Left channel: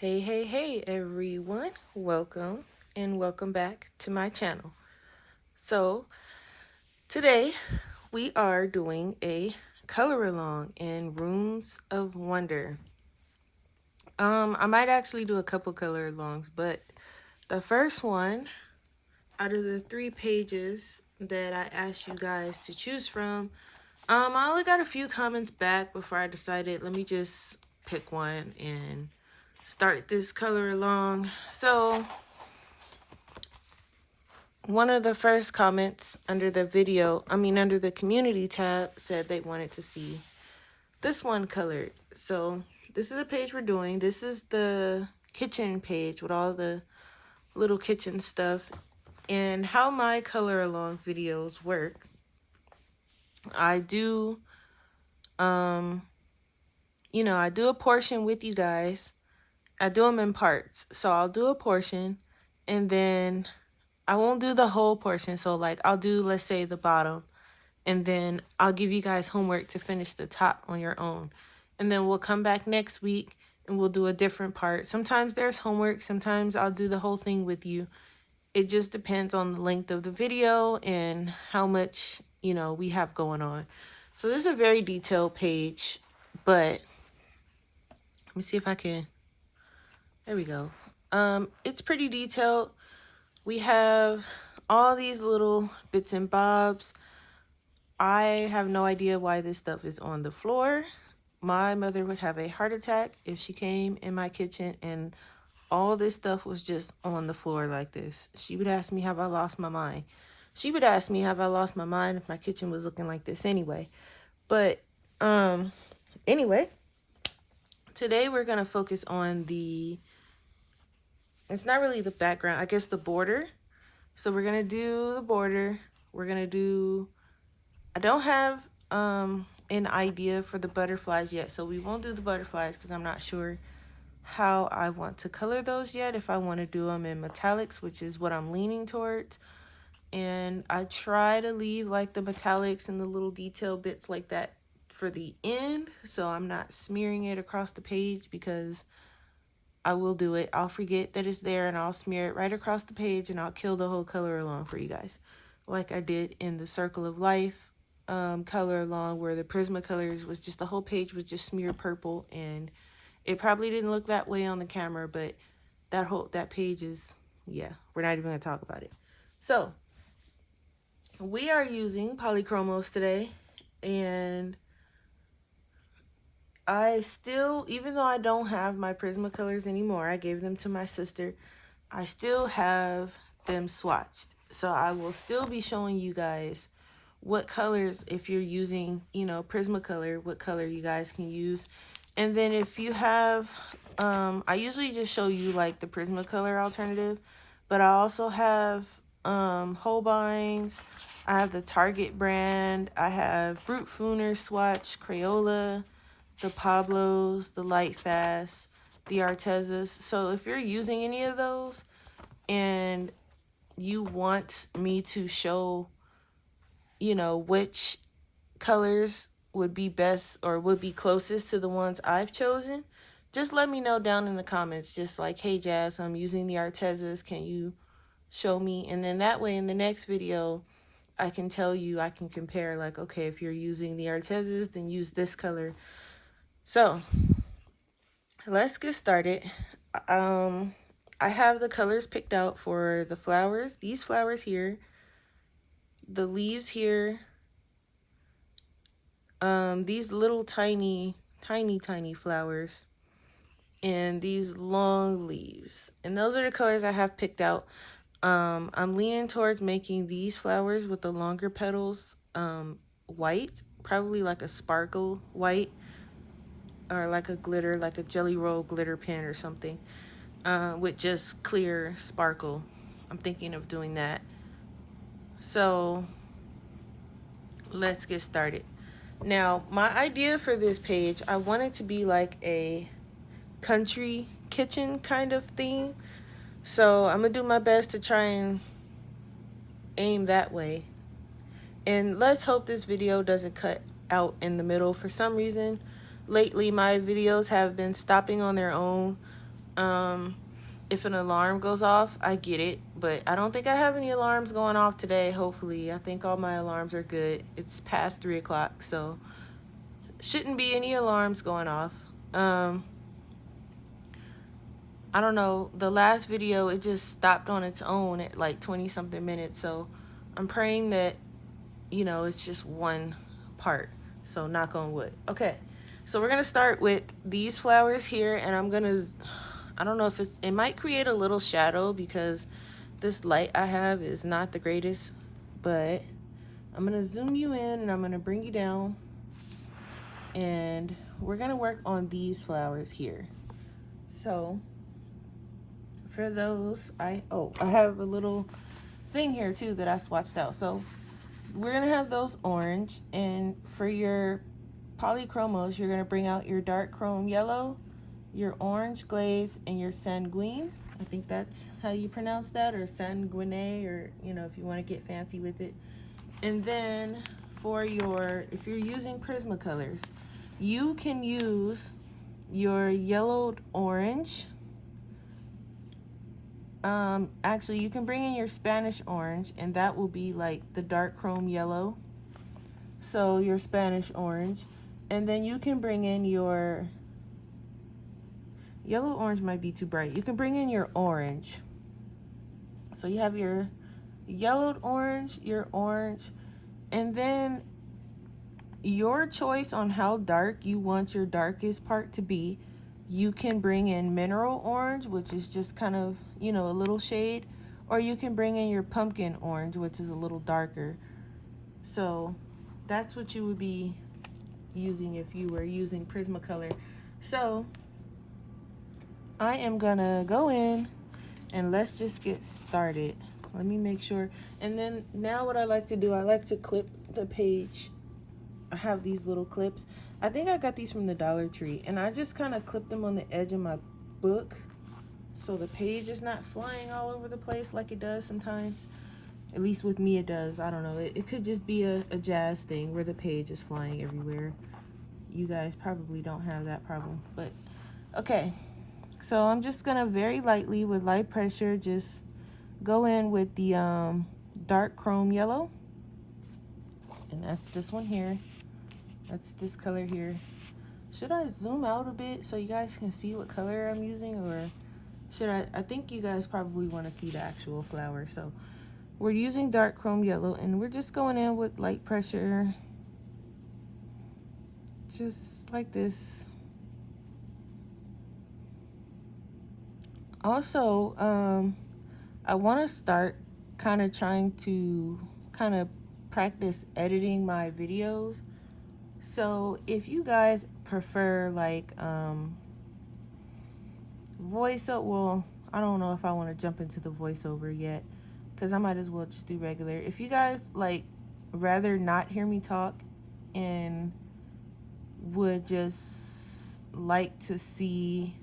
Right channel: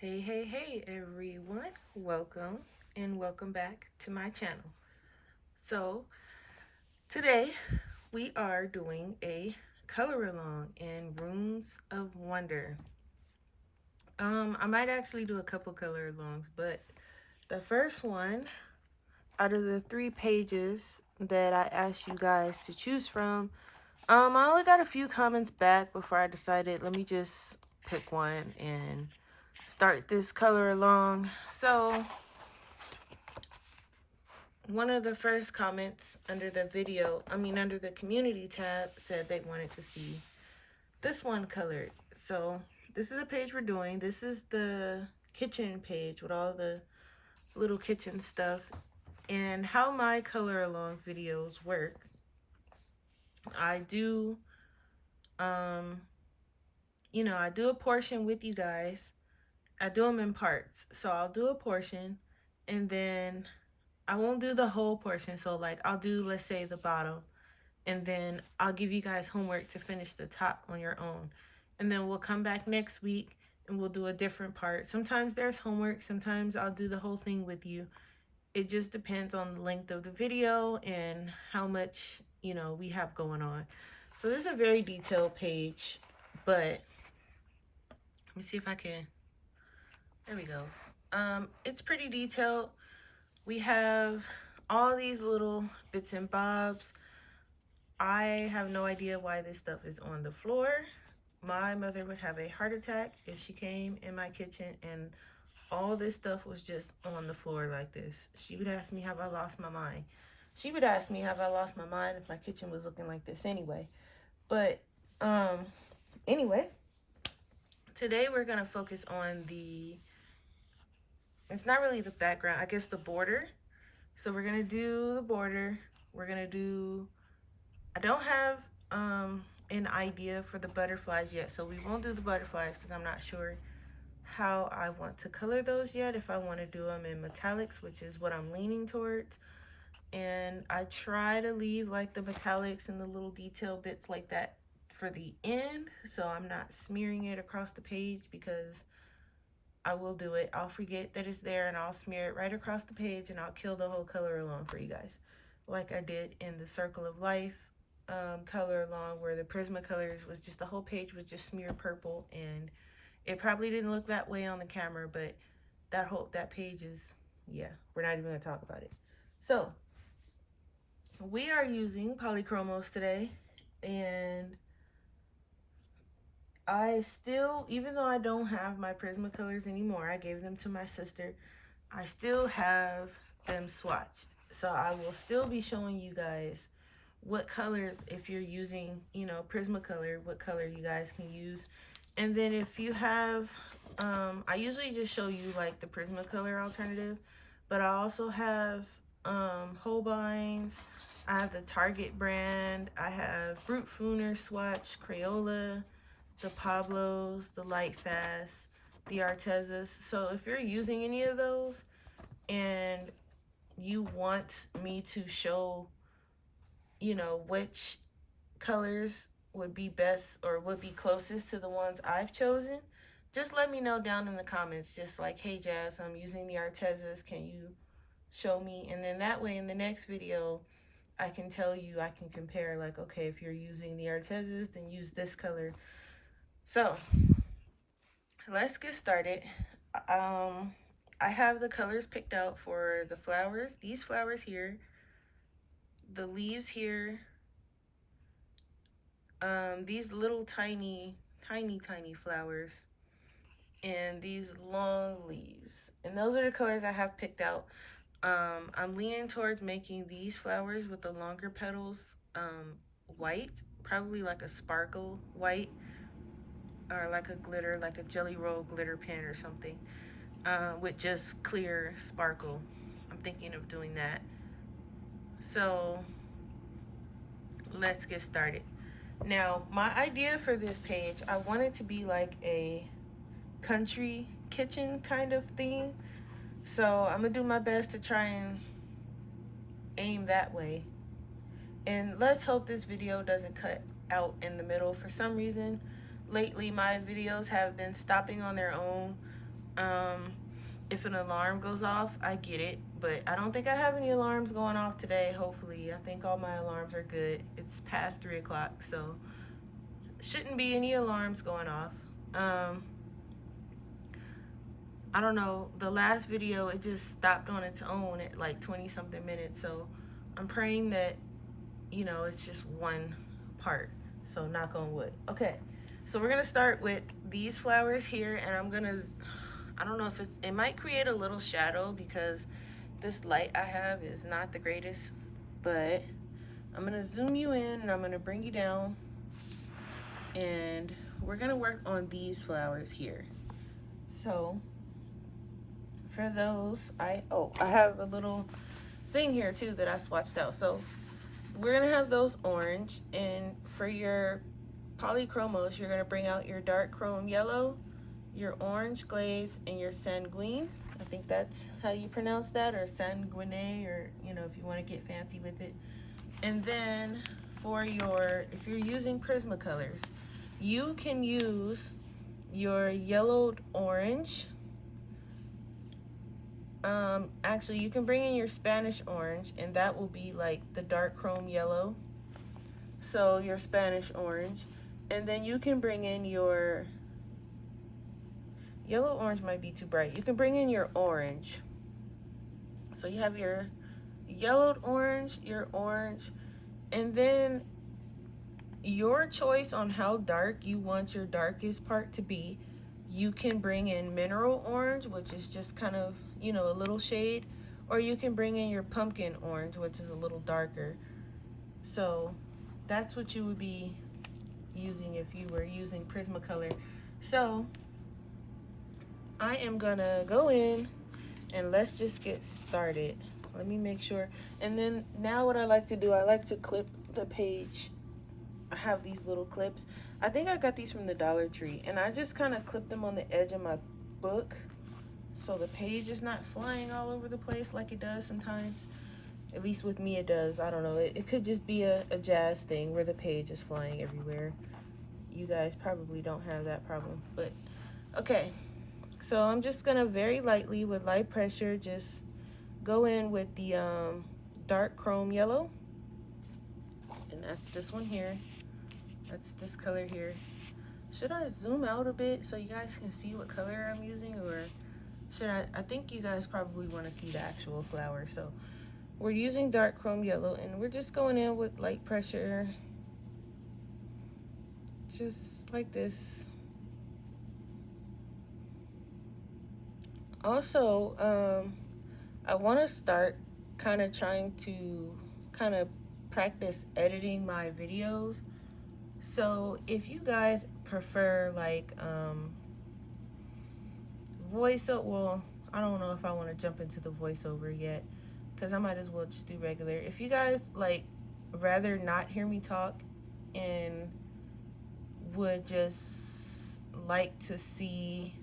Hey everyone, welcome and welcome back to my channel. So today we are doing a color along in Rooms of Wonder. I might actually do a couple color alongs, but the first one out of the 3 pages that I asked you guys to choose from, I only got a few comments back before I decided let me just pick one and start this color along. So one of the first comments under the video, under the community tab, said they wanted to see this one colored. So this is the page we're doing. This is the kitchen page with all the little kitchen stuff. And how my color along videos work, I do, I do a portion with you guys. I do them in parts. So I'll do a portion and then I won't do the whole portion. So like I'll do, let's say, the bottom, and then I'll give you guys homework to finish the top on your own. And then we'll come back next week and we'll do a different part. Sometimes there's homework, sometimes I'll do the whole thing with you. It just depends on the length of the video and how much, we have going on. So this is a very detailed page, but let me see if I can, there we go. It's pretty detailed. We have all these little bits and bobs. I have no idea why this stuff is on the floor. My mother would have a heart attack if she came in my kitchen and all this stuff was just on the floor like this. She would ask me, have I lost my mind? She would ask me, have I lost my mind if my kitchen was looking like this anyway? But, anyway, today we're going to focus on it's not really the background, I guess the border. So we're going to do the border. We're going to do, I don't have an idea for the butterflies yet, so we won't do the butterflies because I'm not sure how I want to color those yet. If I want to do them in metallics, which is what I'm leaning towards, and I try to leave like the metallics and the little detail bits like that for the end, so I'm not smearing it across the page, because I will do it. I'll forget that it's there and I'll smear it right across the page and I'll kill the whole color along for you guys, like I did in the Circle of Life color along, where the Prismacolors was just, the whole page was just smeared purple, and it probably didn't look that way on the camera, but that page is, yeah, we're not even going to talk about it. So we are using polychromos today, and I still, even though I don't have my Prismacolors anymore, I gave them to my sister, I still have them swatched. So I will still be showing you guys what colors, if you're using, Prismacolor, what color you guys can use. And then if you have, I usually just show you like the Prismacolor alternative, but I also have Holbein's, I have the Target brand, I have Brute Fooner swatch, Crayola, the Pablos, the Lightfast, the Artezas. So if you're using any of those and you want me to show, which colors would be best or would be closest to the ones I've chosen, just let me know down in the comments. Just like, hey Jazz, I'm using the Artezas, can you show me? And then that way in the next video I can tell you, I can compare, like, okay, if you're using the Artezas, then use this color. So let's get started. I have the colors picked out for the flowers. These flowers here, the leaves here, these little tiny flowers, and these long leaves. And those are the colors I have picked out. I'm leaning towards making these flowers with the longer petals white, probably like a sparkle white, or like a glitter, like a Jelly Roll glitter pen or something, with just clear sparkle. I'm thinking of doing that. So let's get started. Now, my idea for this page, I want it to be like a country kitchen kind of theme. So I'm gonna do my best to try and aim that way. And let's hope this video doesn't cut out in the middle. For some reason, lately my videos have been stopping on their own. If an alarm goes off, I get it, but I don't think I have any alarms going off today. Hopefully, I think all my alarms are good. It's past 3 o'clock, so shouldn't be any alarms going off. I don't know, the last video, it just stopped on its own at like 20 something minutes, so I'm praying that, you know, it's just one part. So knock on wood. Okay, so we're gonna start with these flowers here, and I don't know if it might create a little shadow because this light I have is not the greatest, but I'm gonna zoom you in and I'm gonna bring you down, and we're gonna work on these flowers here. So for those, I have a little thing here too that I swatched out. So we're gonna have those orange, and for your polychromos, you're gonna bring out your dark chrome yellow, your orange glaze, and your sanguine. I think that's how you pronounce that, or sanguine, or you know, if you want to get fancy with it. And then for your, if you're using Prismacolors, you can use your yellowed orange. Actually, you can bring in your Spanish orange, and that will be like the dark chrome yellow. So your Spanish orange, and then you can bring in your yellow orange, might be too bright. You can bring in your orange. So you have your yellowed orange, your orange, and then your choice on how dark you want your darkest part to be. You can bring in mineral orange, which is just kind of, you know, a little shade, or you can bring in your pumpkin orange, which is a little darker. So that's what you would be using if you were using Prismacolor. So I am gonna go in and let's just get started. Let me make sure. And then now what I like to do, I like to clip the page. I have these little clips. I think I got these from the Dollar Tree, and I just kind of clip them on the edge of my book so the page is not flying all over the place like it does sometimes. At least with me it does. I don't know. It could just be a jazz thing where the page is flying everywhere. You guys probably don't have that problem, but okay. So I'm just gonna very lightly, with light pressure, just go in with the dark chrome yellow, and that's this one here. That's this color here. Should I zoom out a bit so you guys can see what color I'm using, or should I think you guys probably want to see the actual flower. So we're using dark chrome yellow, and we're just going in with light pressure, just like this. Also, I want to start kind of trying to practice editing my videos. So if you guys prefer like voiceover, well, I don't know if I want to jump into the voiceover yet, because I might as well just do regular. If you guys like rather not hear me talk and would just like to see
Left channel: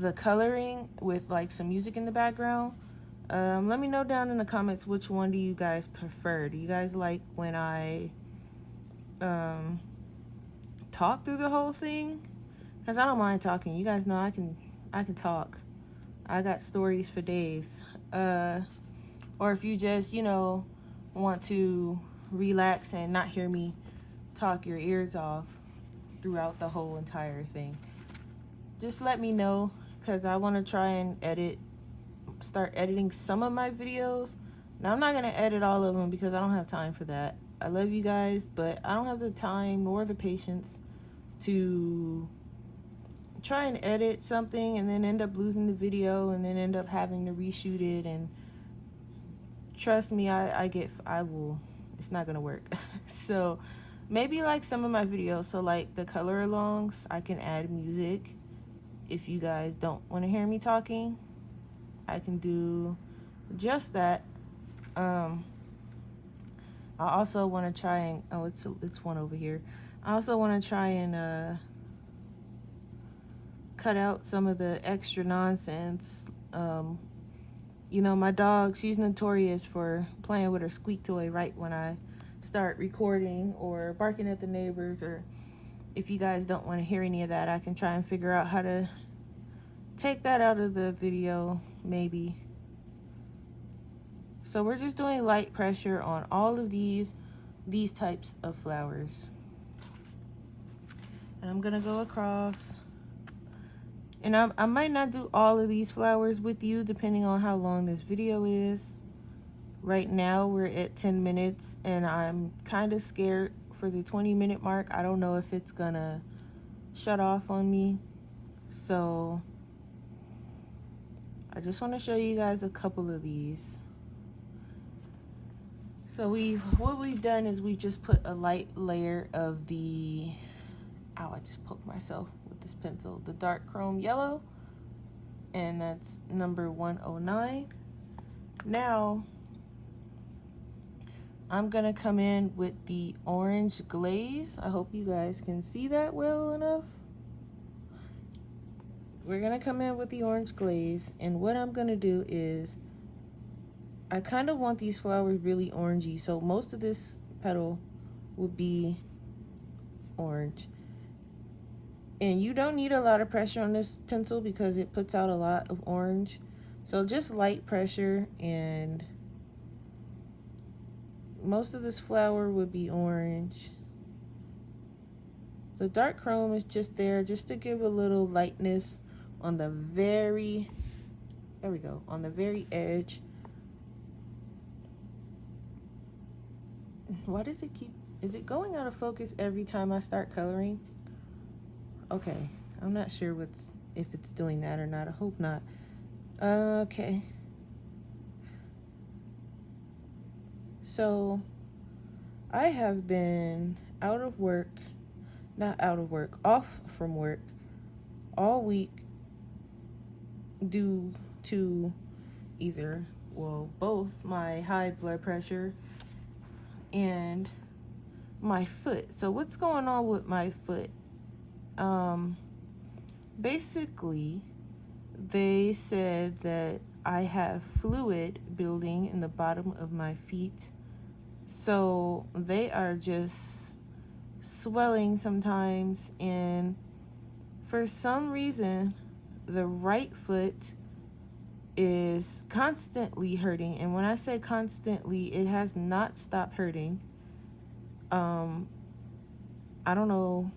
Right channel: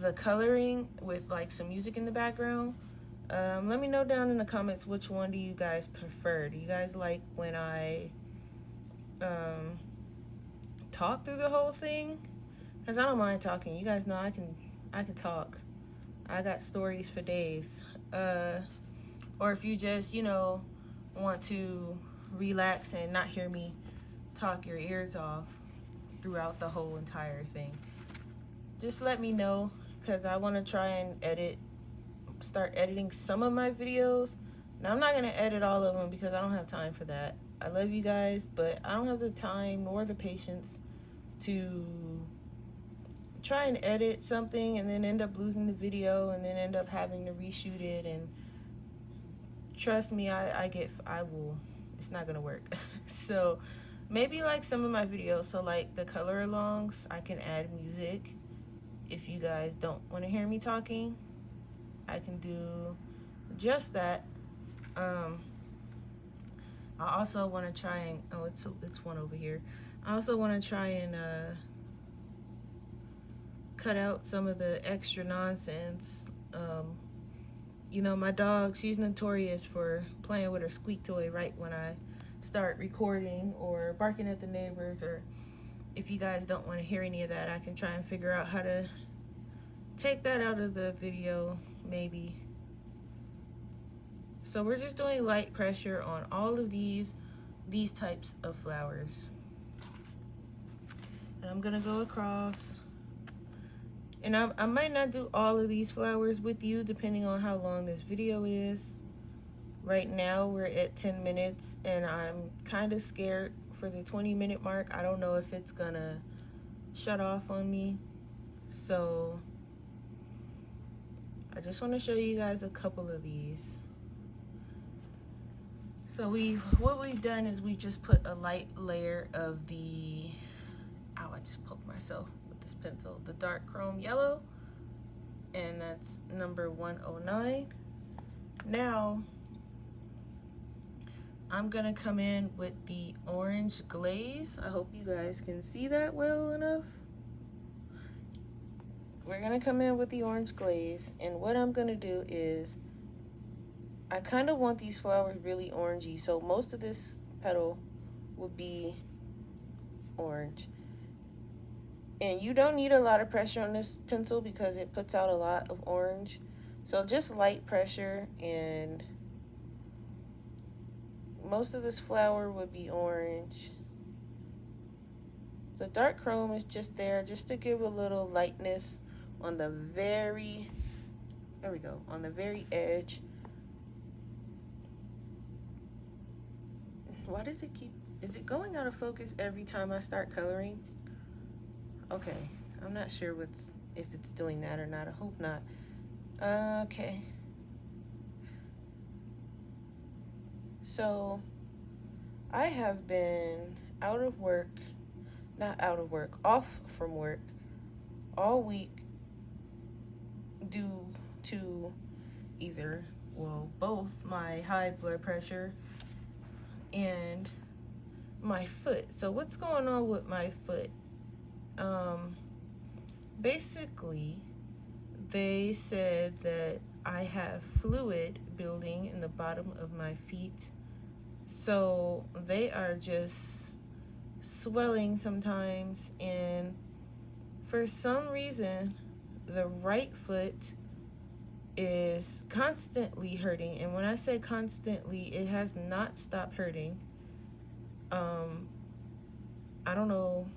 the coloring with like some music in the background, let me know down in the comments which one do you guys prefer. Do you guys like when I talk through the whole thing? Because I don't mind talking. You guys know I can talk. I got stories for days. Or if you just, you know, want to relax and not hear me talk your ears off throughout the whole entire thing, just let me know, because I want to try and start editing some of my videos. Now I'm not going to edit all of them because I don't have time for that. I love you guys, but I don't have the time nor the patience to try and edit something and then end up losing the video and then end up having to reshoot it. And trust me, I will, it's not gonna work. So maybe like some of my videos, so like the color alongs, I can add music. If you guys don't want to hear me talking, I can do just that. I also want to try and, oh, it's one over here. I also want to try and cut out some of the extra nonsense. You know, my dog, she's notorious for playing with her squeak toy right when I start recording, or barking at the neighbors. Or if you guys don't want to hear any of that, I can try and figure out how to take that out of the video, maybe. So we're just doing light pressure on all of these types of flowers. And I'm gonna go across. And I might not do all of these flowers with you depending on how long this video is. Right now we're at 10 minutes and I'm kind of scared for the 20-minute mark. I don't know if it's gonna shut off on me. So I just want to show you guys a couple of these. So what we've done is we just put a light layer of the, ow, I just poked myself with this pencil, the dark chrome yellow, and that's number 109. Now I'm gonna come in with the orange glaze. I hope you guys can see that well enough. We're gonna come in with the orange glaze, and what I'm gonna do is I kind of want these flowers really orangey, so most of this petal will be orange. And you don't need a lot of pressure on this pencil because it puts out a lot of orange. So just light pressure, and most of this flower would be orange. The dark chrome is just there just to give a little lightness on the very, there we go, on the very edge. Why does it keep, is it going out of focus every time I start coloring? Okay, I'm not sure if it's doing that or not. I hope not. Okay. So I have been off from work all week due to either, well, both my high blood pressure and my foot. So what's going on with my foot? Basically, they said that I have fluid building in the bottom of my feet. So they are just swelling sometimes, and for some reason, the right foot is constantly hurting. And when I say constantly, it has not stopped hurting. I don't know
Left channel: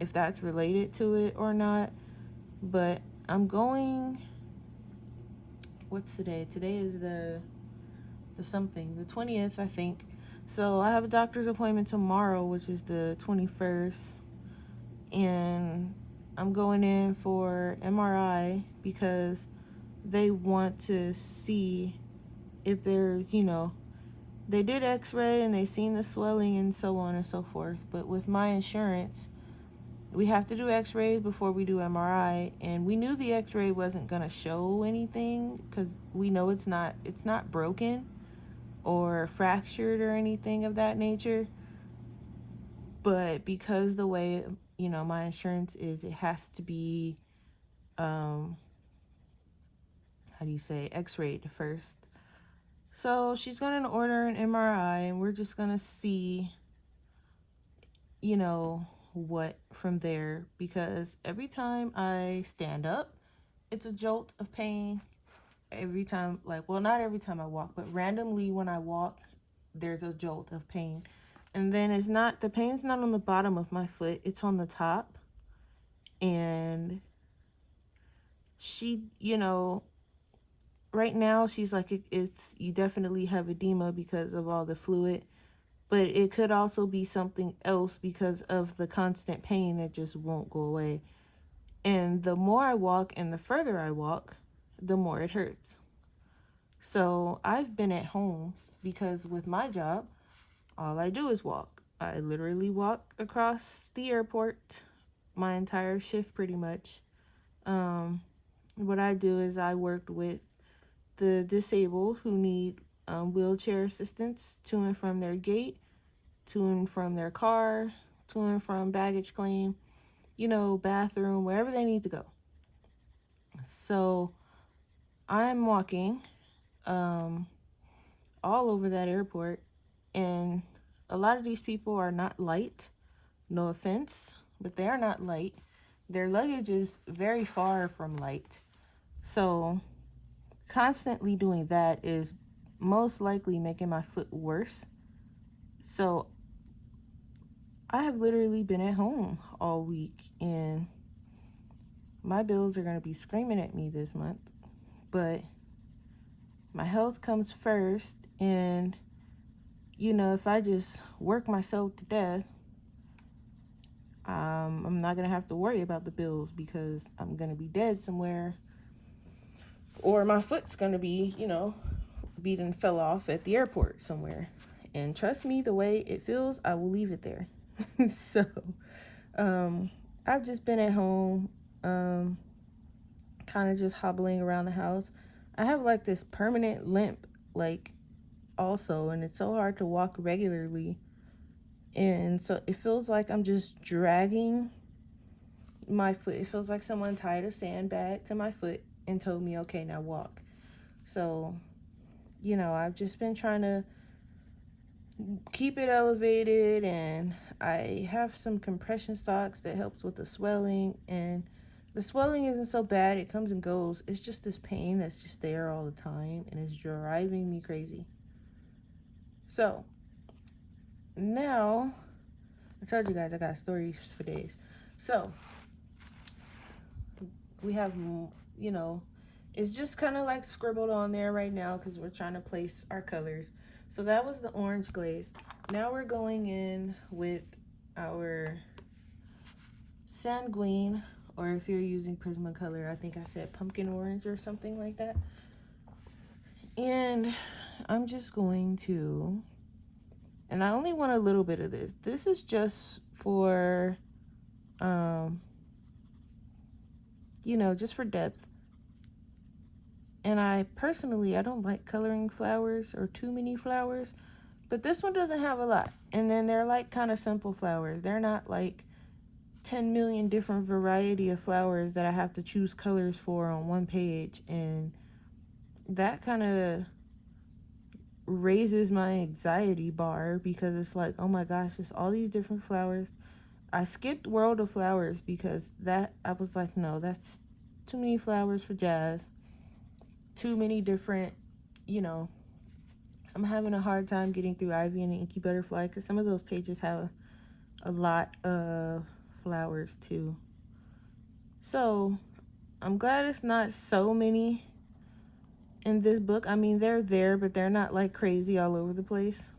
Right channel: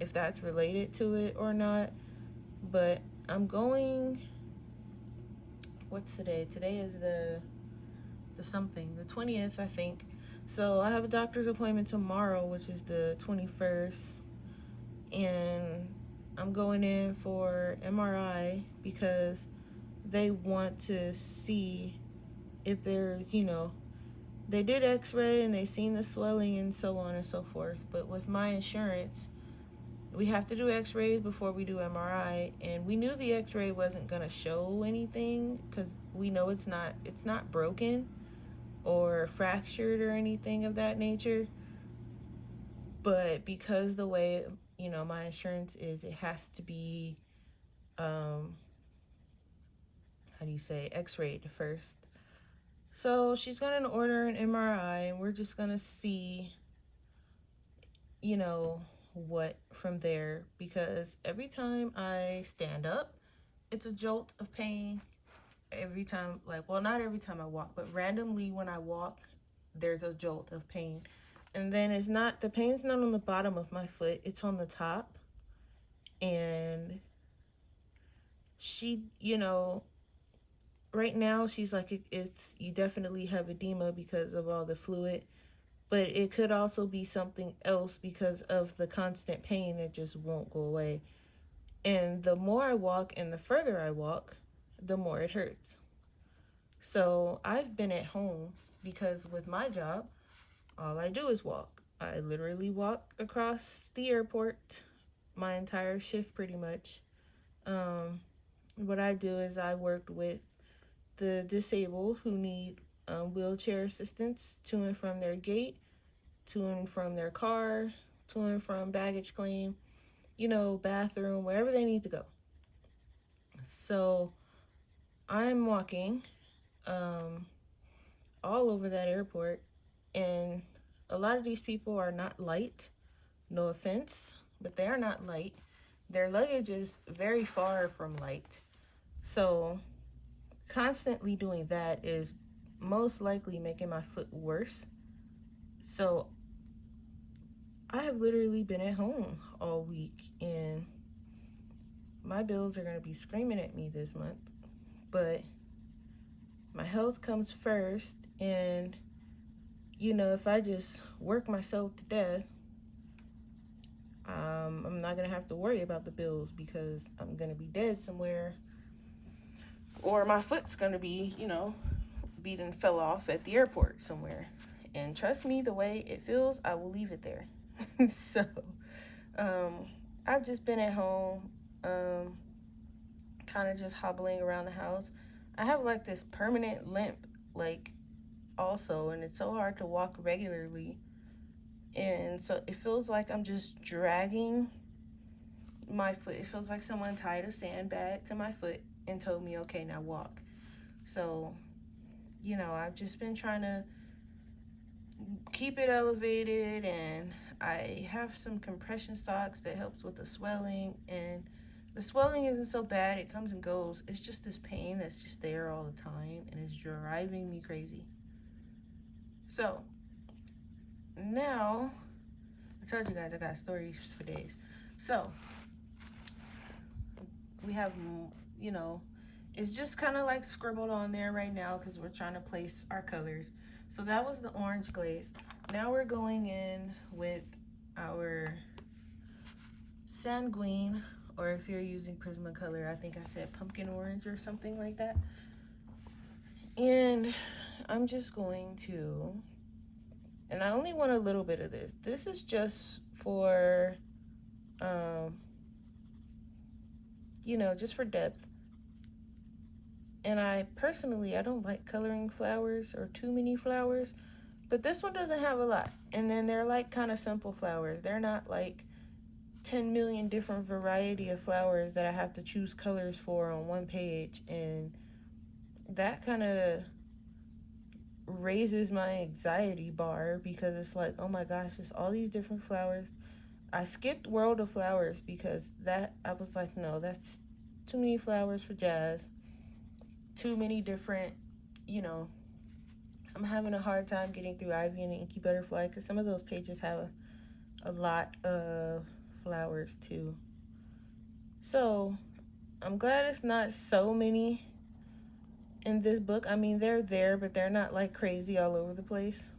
if that's related to it or not, but I'm going, what's today? Today is the 20th, I think. So I have a doctor's appointment tomorrow, which is the 21st, and I'm going in for MRI because they want to see if there's, they did x-ray and they seen the swelling and so on and so forth. But with my insurance, we have to do x-rays before we do MRI, and we knew the x-ray wasn't going to show anything because we know it's not broken or fractured or anything of that nature. But because the way, my insurance is, it has to be, how do you say, x-rayed first. So she's going to order an MRI, and we're just going to see, what from there, because every time I stand up, it's a jolt of pain. Every time, well, not every time I walk, but randomly when I walk, there's a jolt of pain. And then the pain's not on the bottom of my foot, it's on the top. And she, right now she's like, you definitely have edema because of all the fluid, but it could also be something else because of the constant pain that just won't go away. And the more I walk and the further I walk, the more it hurts. So I've been at home because with my job, all I do is walk. I literally walk across the airport my entire shift pretty much. What I do is I work with the disabled who need wheelchair assistance to and from their gate, to and from their car, to and from baggage claim, bathroom, wherever they need to go. So I'm walking all over that airport, and a lot of these people are not light. No offense, but they are not light. Their luggage is very far from light. So constantly doing that is most likely making my foot worse. So I have literally been at home all week, and my bills are going to be screaming at me this month. But my health comes first, and if I just work myself to death, I'm not going to have to worry about the bills because I'm going to be dead somewhere, or my foot's going to be, beaten fell off at the airport somewhere. And trust me, the way it feels, I will leave it there. So, I've just been at home, kind of just hobbling around the house. I have like this permanent limp, like, also, and it's so hard to walk regularly. And so it feels like I'm just dragging my foot. It feels like someone tied a sandbag to my foot and told me, okay, now walk. So, I've just been trying to keep it elevated, and I have some compression socks that helps with the swelling, and the swelling isn't so bad. It comes and goes. It's just this pain that's just there all the time, and it's driving me crazy. So now, I told you guys I got stories for days. So we have, it's just kind of like scribbled on there right now because we're trying to place our colors. So that was the orange glaze. Now we're going in with our sanguine, or if you're using Prismacolor, I think I said pumpkin orange or something like that. And I'm just going to, and I only want a little bit of this. This is just for, just for depth. And I don't like coloring flowers or too many flowers, but this one doesn't have a lot. And then they're like kind of simple flowers. They're not like 10 million different variety of flowers that I have to choose colors for on one page. And that kind of raises my anxiety bar because it's like, oh my gosh, it's all these different flowers. I skipped World of Flowers because I was like, no, that's too many flowers for jazz. Too many different, I'm having a hard time getting through Ivy and the Inky Butterfly because some of those pages have a lot of flowers too. So I'm glad it's not so many in this book. I mean, they're there, but they're not like crazy all over the place.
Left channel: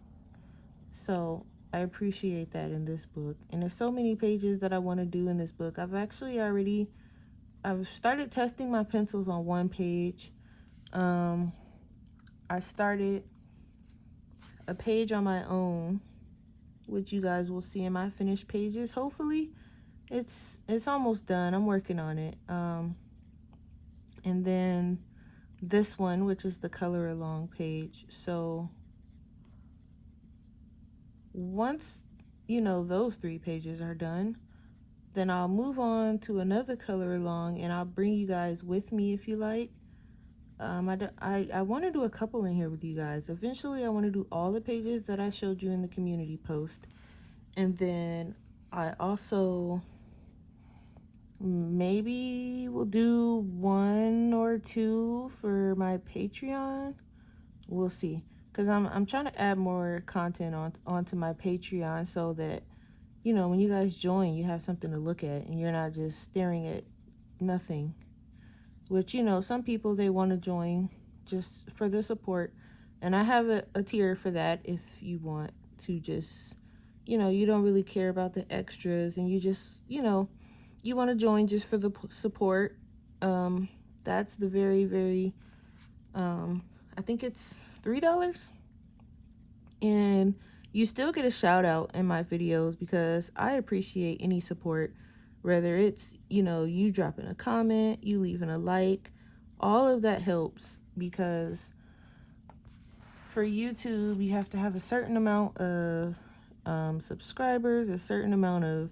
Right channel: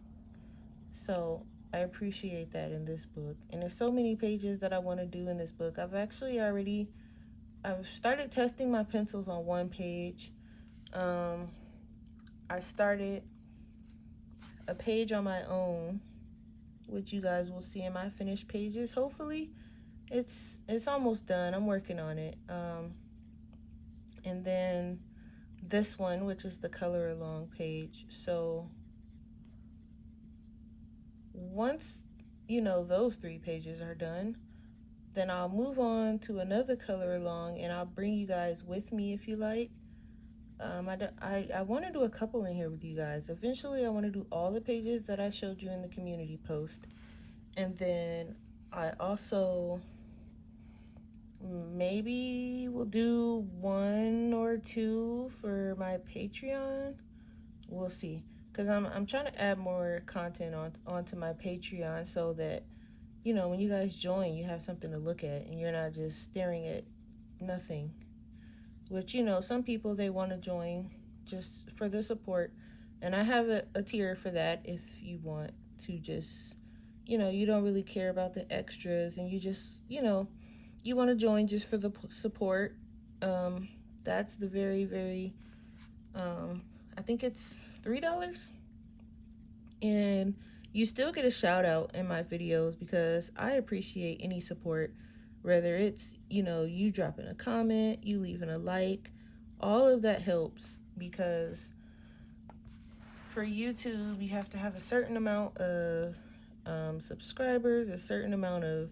So I appreciate that in this book. And there's so many pages that I want to do in this book. I've started testing my pencils on one page. I started a page on my own, which you guys will see in my finished pages. Hopefully, it's almost done. I'm working on it. And then this one, which is the color along page. So once those 3 pages are done, then I'll move on to another color along, and I'll bring you guys with me if you like. I want to do a couple in here with you guys. Eventually, I want to do all the pages that I showed you in the community post. And then I also maybe will do 1 or 2 for my Patreon. We'll see. Because I'm trying to add more content onto my Patreon so that, when you guys join, you have something to look at and you're not just staring at nothing. Which, some people, they want to join just for the support. And I have a tier for that if you want to just, you don't really care about the extras and you just, you want to join just for the support. That's the very, very, I think it's $3. And you still get a shout out in my videos because I appreciate any support. Whether it's, you dropping a comment, you leaving a like, all of that helps because for YouTube, you have to have a certain amount of subscribers, a certain amount of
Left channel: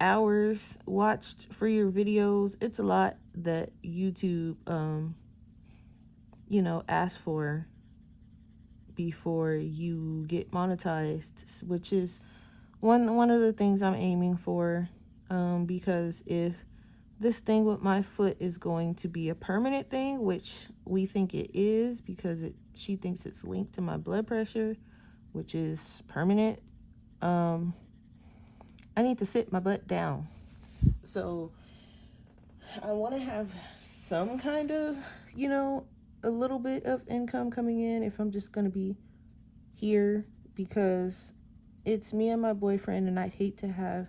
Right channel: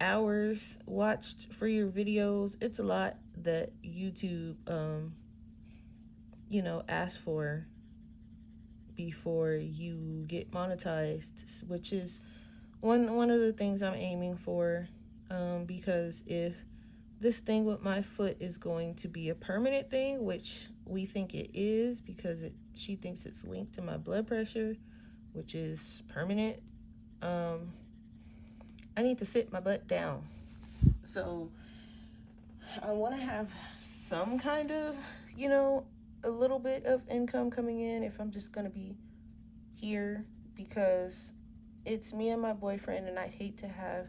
hours watched for your videos. It's a lot that YouTube, asks for before you get monetized, which is one of the things I'm aiming for. Because if this thing with my foot is going to be a permanent thing, which we think it is because she thinks it's linked to my blood pressure, which is permanent. I need to sit my butt down. So I want to have some kind of, you know, a little bit of income coming in if I'm just going to be here, because it's me and my boyfriend, and I'd hate to have,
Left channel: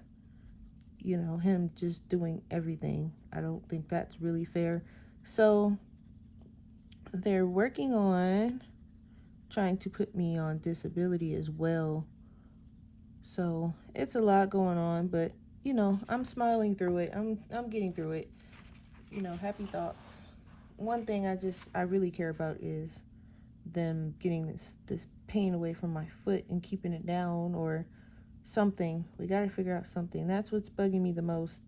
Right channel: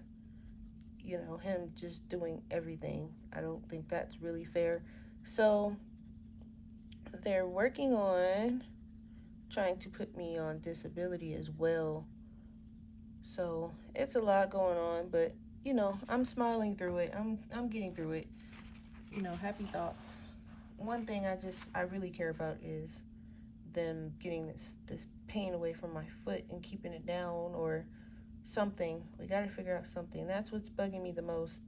you know, him just doing everything. I don't think that's really fair. So they're working on trying to put me on disability as well. So it's a lot going on, but you know, I'm smiling through it. I'm getting through it. You know, happy thoughts. One thing I really care about is them getting this pain away from my foot and keeping it down, or something. We got to figure out something. That's what's bugging me the most.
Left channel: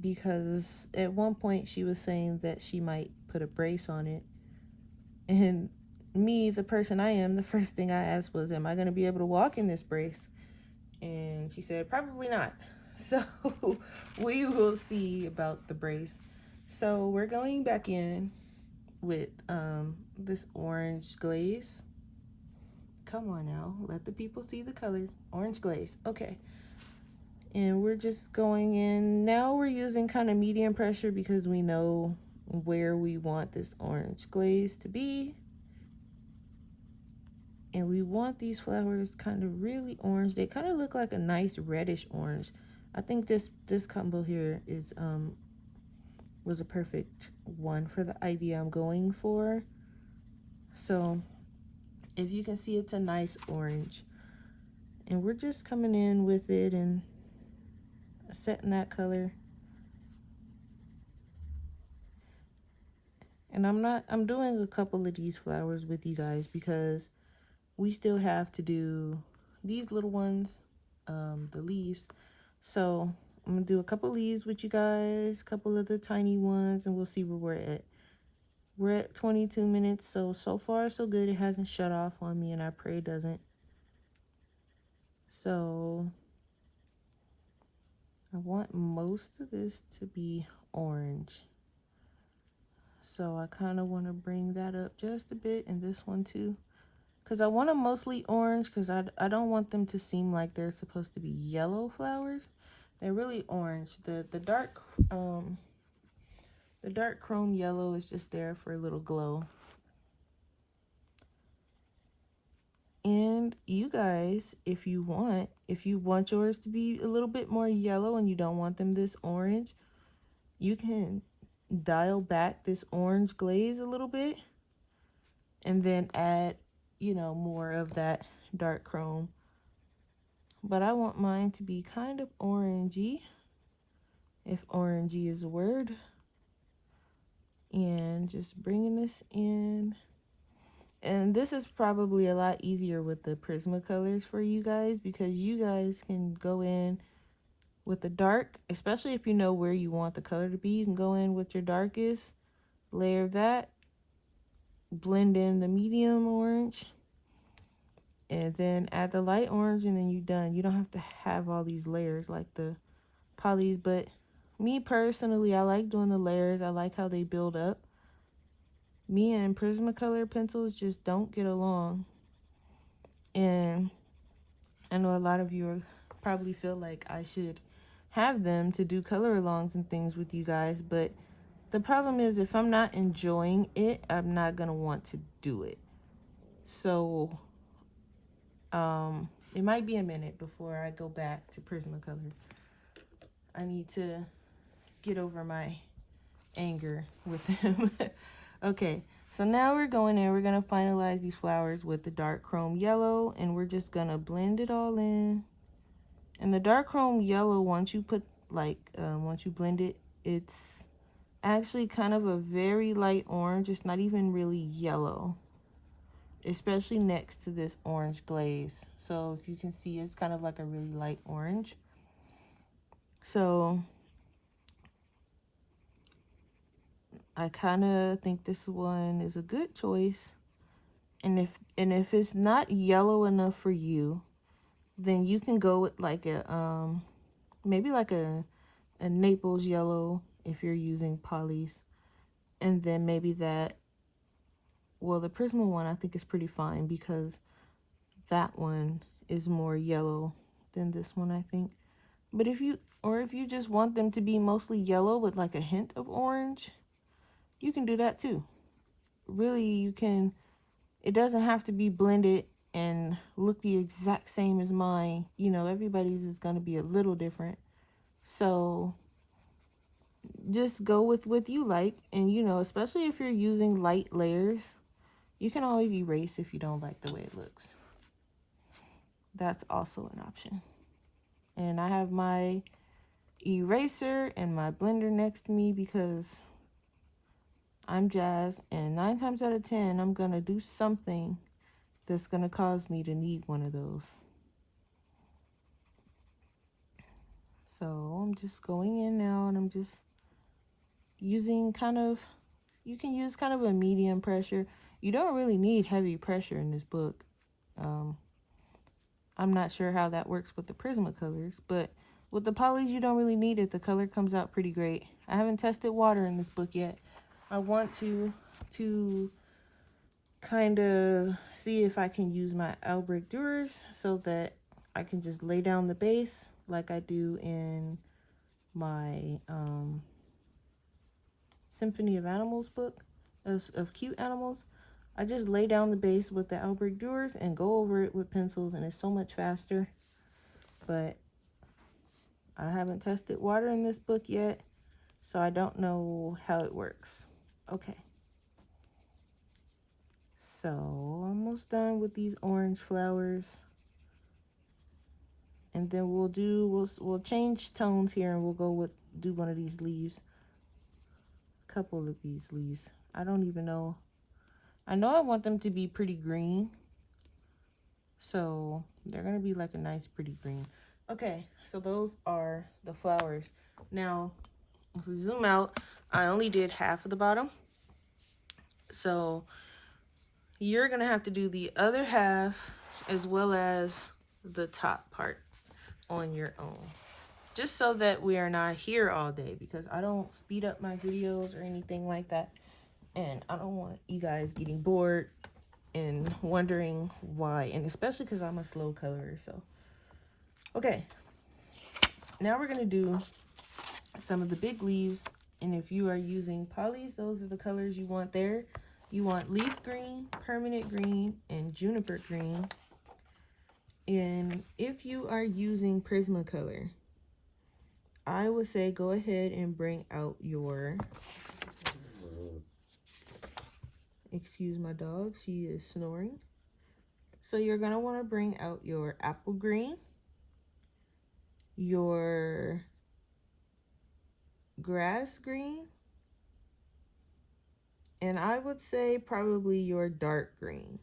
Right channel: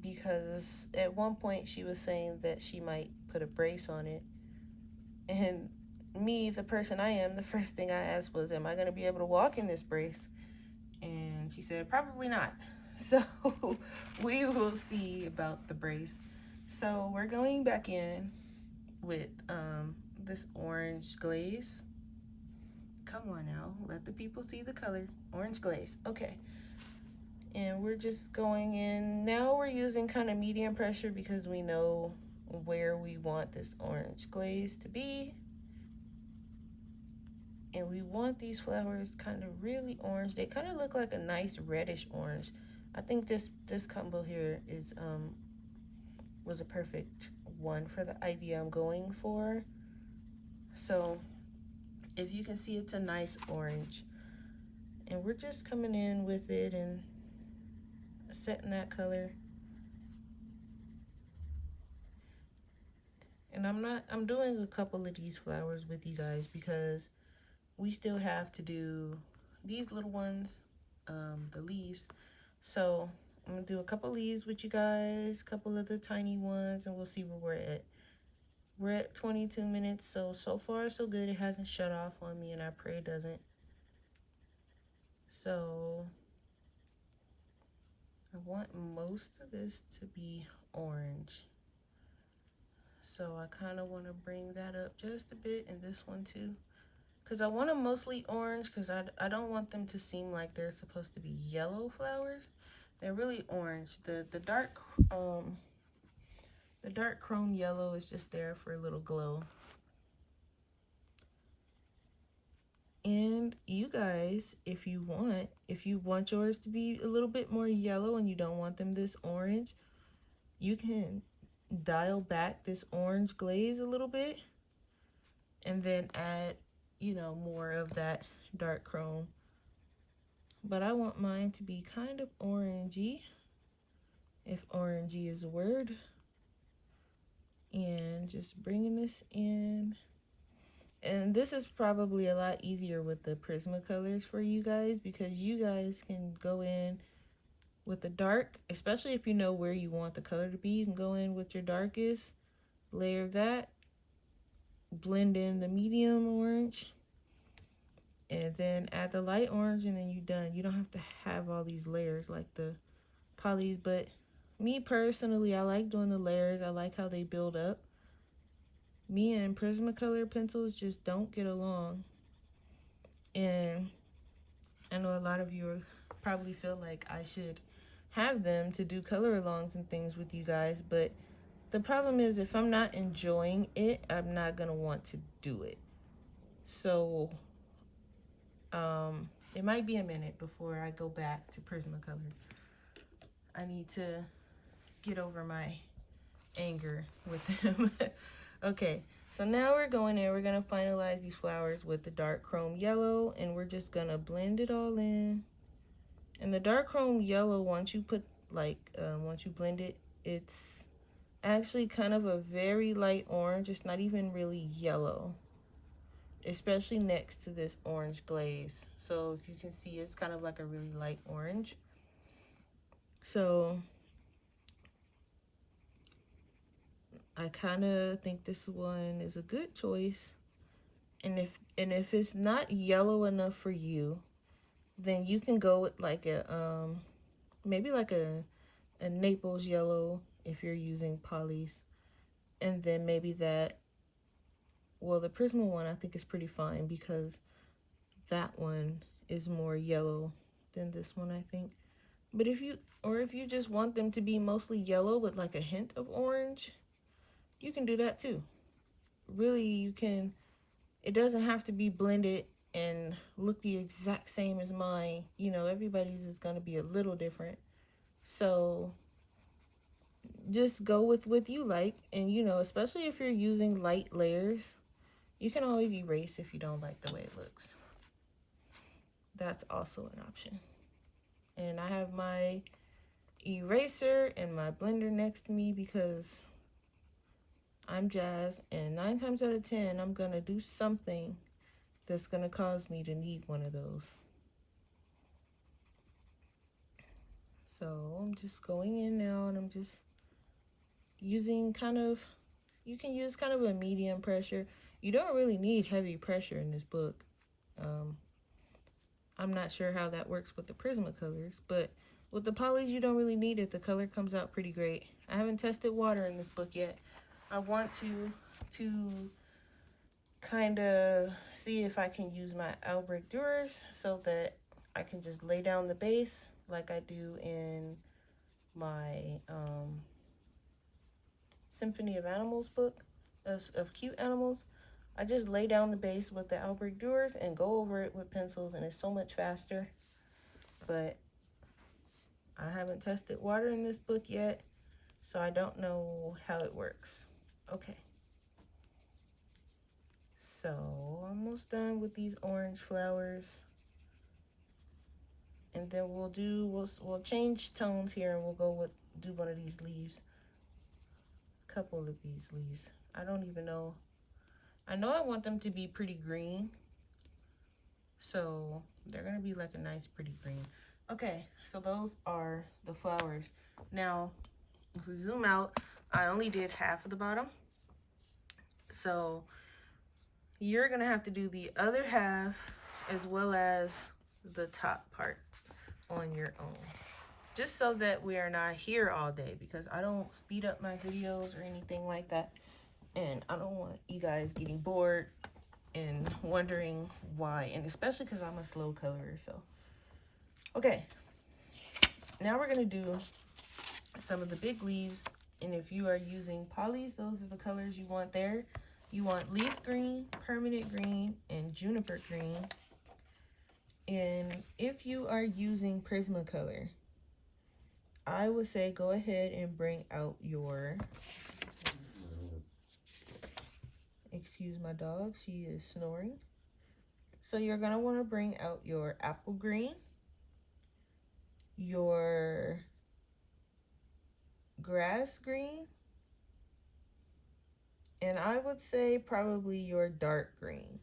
Because at one point she was saying that she might put a brace on it, and me, the person I am, the first thing I asked was, am I going to be able to walk in this brace? And she said, probably not. So we will see about the brace. So we're going back in with this orange glaze. Come on now, let the people see the color. Orange glaze. Okay. And we're just going in. Now we're using kind of medium pressure because we know where we want this orange glaze to be. And we want these flowers kind of really orange. They kind of look like a nice reddish orange. I think this combo here is was a perfect one for the idea I'm going for. So if you can see, it's a nice orange. And we're just coming in with it and setting that color. And I'm doing a couple of these flowers with you guys because we still have to do these little ones, the leaves. So I'm gonna do a couple leaves with you guys, a couple of the tiny ones, and we'll see where we're at. We're at 22 minutes, so far so good. It hasn't shut off on me, and I pray it doesn't. So I want most of this to be orange. So I kind of want to bring that up just a bit, and this one too. Because I want them mostly orange, because I don't want them to seem like they're supposed to be yellow flowers. They're really orange. The dark chrome yellow is just there for a little glow. And you guys, if you want yours to be a little bit more yellow and you don't want them this orange, you can dial back this orange glaze a little bit and then add, you know, more of that dark chrome. But I want mine to be kind of orangey, if orangey is a word. And just bringing this in. And this is probably a lot easier with the Prismacolors for you guys, because you guys can go in with the dark, especially if you know where you want the color to be. You can go in with your darkest, layer that, blend in the medium orange, and then add the light orange, and then you're done. You don't have to have all these layers like the polys, but me personally, I like doing the layers. I like how they build up. Me and Prismacolor pencils just don't get along. And I know a lot of you probably feel like I should have them to do color alongs and things with you guys, but the problem is, if I'm not enjoying it, I'm not gonna want to do it. So it might be a minute before I go back to Prismacolor. I need to get over my anger with them. Okay, so now we're going in. We're gonna finalize these flowers with the dark chrome yellow, and we're just gonna blend it all in. And the dark chrome yellow, once you put once you blend it, it's actually kind of a very light orange. It's not even really yellow, especially next to this orange glaze. So if you can see, it's kind of like a really light orange. So I kind of think this one is a good choice. And if it's not yellow enough for you, then you can go with like a maybe like a a Naples yellow if you're using polys. And then maybe that, well, the Prisma one I think is pretty fine because that one is more yellow than this one, I think. But if you just want them to be mostly yellow with like a hint of orange, you can do that too. Really, you can, it doesn't have to be blended and look the exact same as mine. You know, everybody's is going to be a little different. So just go with what you like. And, you know, especially if you're using light layers, you can always erase if you don't like the way it looks. That's also an option. And I have my eraser and my blender next to me because I'm Jazz, and 9 times out of 10 I'm gonna do something that's gonna cause me to need one of those. So I'm just going in now, and I'm just using kind of, you can use kind of a medium pressure. You don't really need heavy pressure in this book. I'm not sure how that works with the Prismacolors, but with the polys you don't really need it. The color comes out pretty great. I haven't tested water in this book yet. I want to kind of see if I can use my Albrecht-Dürer so that I can just lay down the base like I do in my Symphony of Animals book of cute animals. I just lay down the base with the Albrecht-Dürer and go over it with pencils, and it's so much faster. But I haven't tested water in this book yet, so I don't know how it works. Okay. So almost done with these orange flowers. And then we'll change tones here, and we'll go with, do one of these leaves. A couple of these leaves. I don't even know. I know I want them to be pretty green. So they're gonna be like a nice pretty green. Okay, so those are the flowers. Now, if we zoom out, I only did half of the bottom. So you're gonna have to do the other half as well as the top part on your own, just so that we are not here all day, because I don't speed up my videos or anything like that, and I don't want you guys getting bored and wondering why, and especially because I'm a slow colorer. So okay, now we're gonna do some of the big leaves, and if you are using polys, those are the colors you want there. You want leaf green, permanent green, and juniper green. And if you are using Prismacolor, I would say go ahead and bring out your, excuse my dog, she is snoring. So you're gonna wanna bring out your apple green, your grass green, and I would say probably your dark green.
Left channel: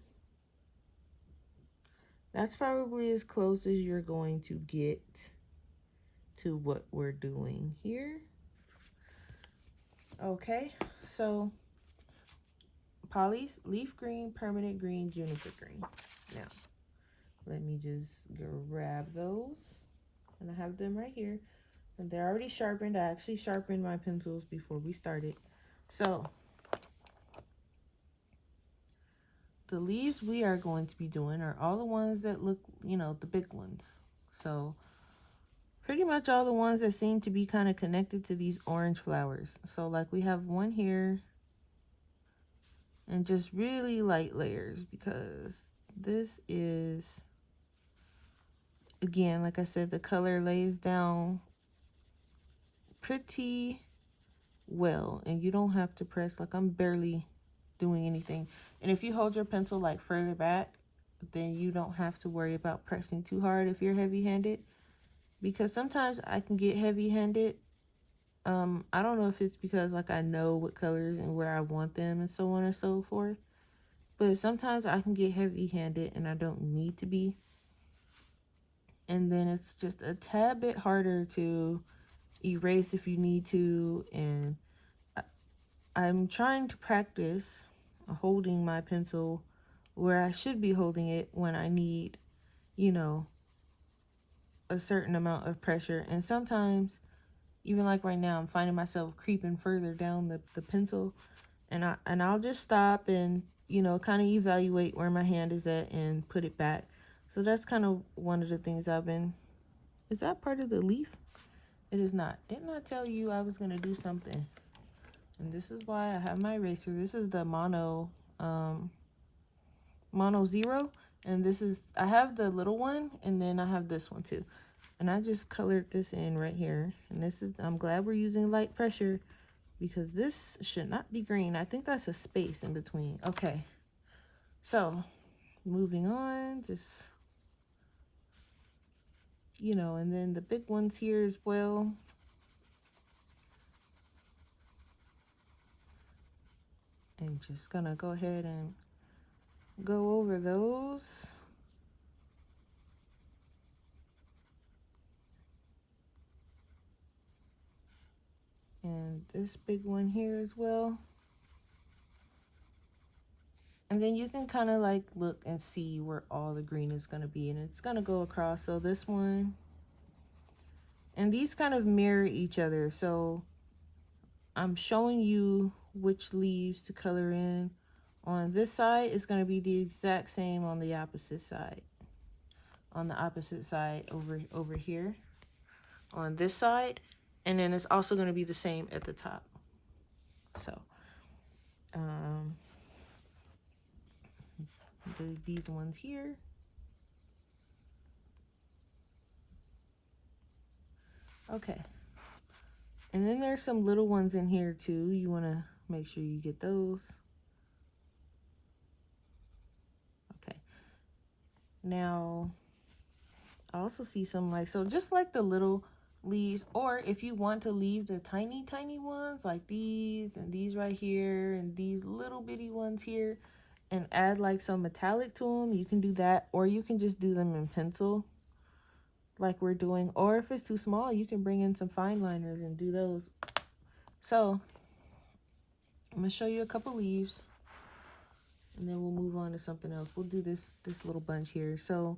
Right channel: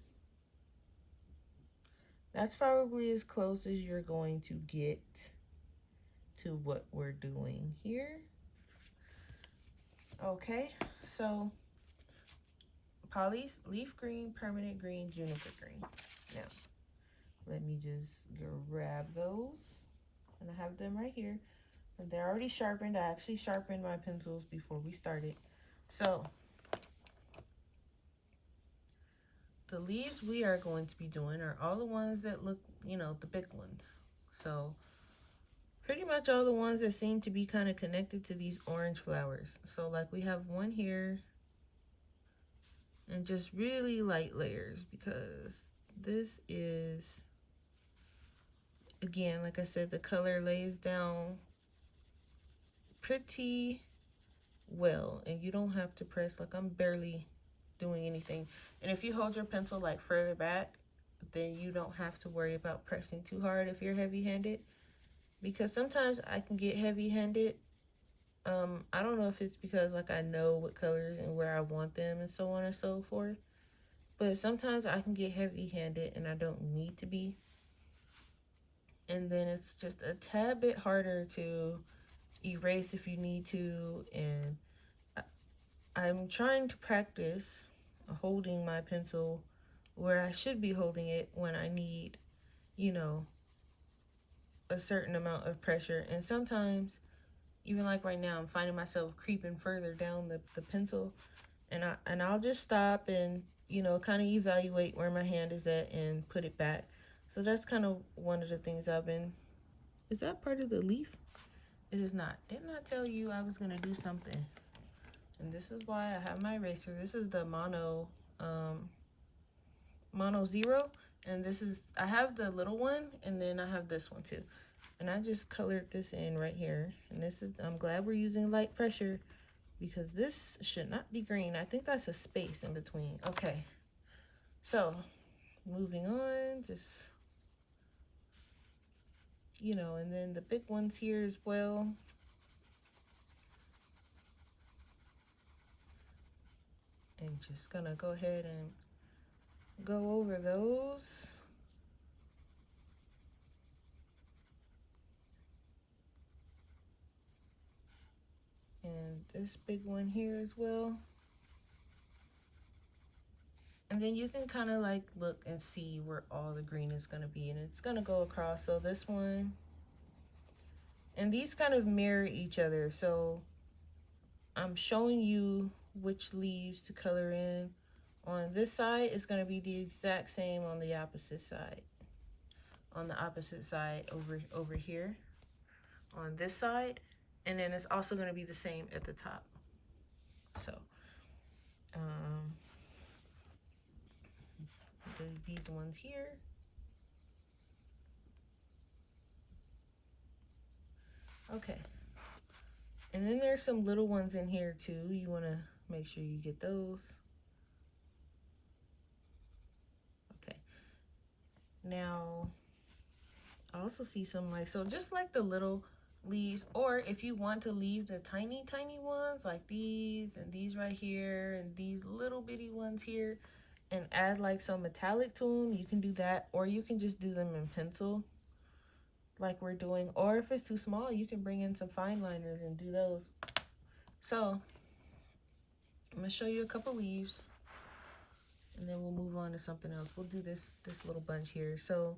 That's probably as close as you're going to get to what we're doing here. Okay, so polys, leaf green, permanent green, juniper green. Now, let me just grab those, and I have them right here. And they're already sharpened. I actually sharpened my pencils before we started. So, the leaves we are going to be doing are all the ones that look, you know, the big ones. So, pretty much all the ones that seem to be kind of connected to these orange flowers. So, like, we have one here, and just really light layers, because this is, again, like I said, the color lays down pretty well, and you don't have to press. Like, I'm barely doing anything. And if you hold your pencil like further back, then you don't have to worry about pressing too hard if you're heavy-handed, because sometimes I can get heavy-handed. I don't know if it's because like I know what colors and where I want them and so on and so forth, but sometimes I can get heavy-handed and I don't need to be, and then it's just a tad bit harder to erase if you need to. And I'm trying to practice holding my pencil where I should be holding it when I need, you know, a certain amount of pressure. And sometimes Even like right now, I'm finding myself creeping further down the pencil, and I'll just stop and, you know, kind of evaluate where my hand is at and put it back. So that's kind of one of the things I've been. Is that part of the leaf? It is not. Didn't I tell you I was gonna do something? And this is why I have my eraser. This is the mono zero, and this is, I have the little one, and then I have this one too. And I just colored this in right here. And this is, I'm glad we're using light pressure, because this should not be green. I think that's a space in between. Okay, so moving on, just, you know, and then the big ones here as well. And just gonna go ahead and go over those. And this big one here as well. And then you can kind of like look and see where all the green is going to be, and it's going to go across. So this one, and these kind of mirror each other. So I'm showing you which leaves to color in. On this side, it's going to be the exact same on the opposite side. On the opposite side over here on this side, and then it's also going to be the same at the top. So these ones here. Okay. And then there's some little ones in here too. You want to make sure you get those. Okay. Now, I also see some like, so just like the little leaves, or if you want to leave the tiny, tiny ones like these and these right here and these little bitty ones here and add like some metallic to them, you can do that, or you can just do them in pencil like we're doing, or if it's too small, you can bring in some fine liners and do those. So I'm gonna show you a couple leaves, and then we'll move on to something else. We'll do this little bunch here. So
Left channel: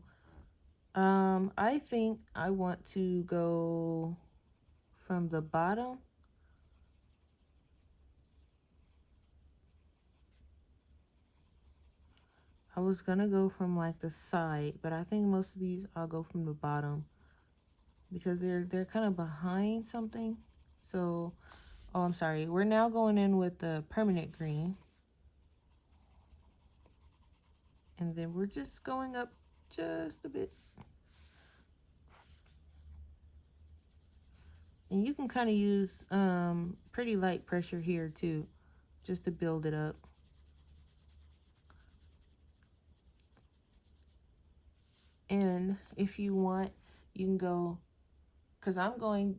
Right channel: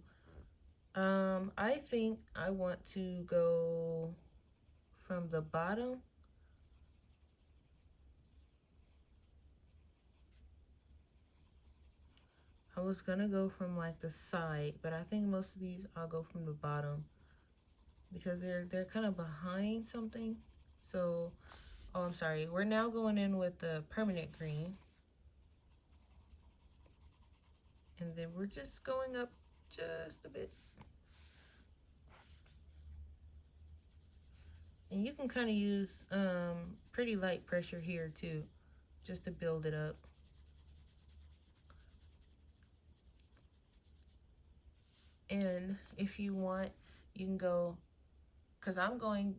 I think I want to go from the bottom I was gonna go from like the side, but I think most of these I'll go from the bottom because they're kind of behind something. So, oh, I'm sorry. We're now going in with the permanent green. And then we're just going up just a bit. And you can kind of use pretty light pressure here too, just to build it up. And if you want, you can go, because I'm going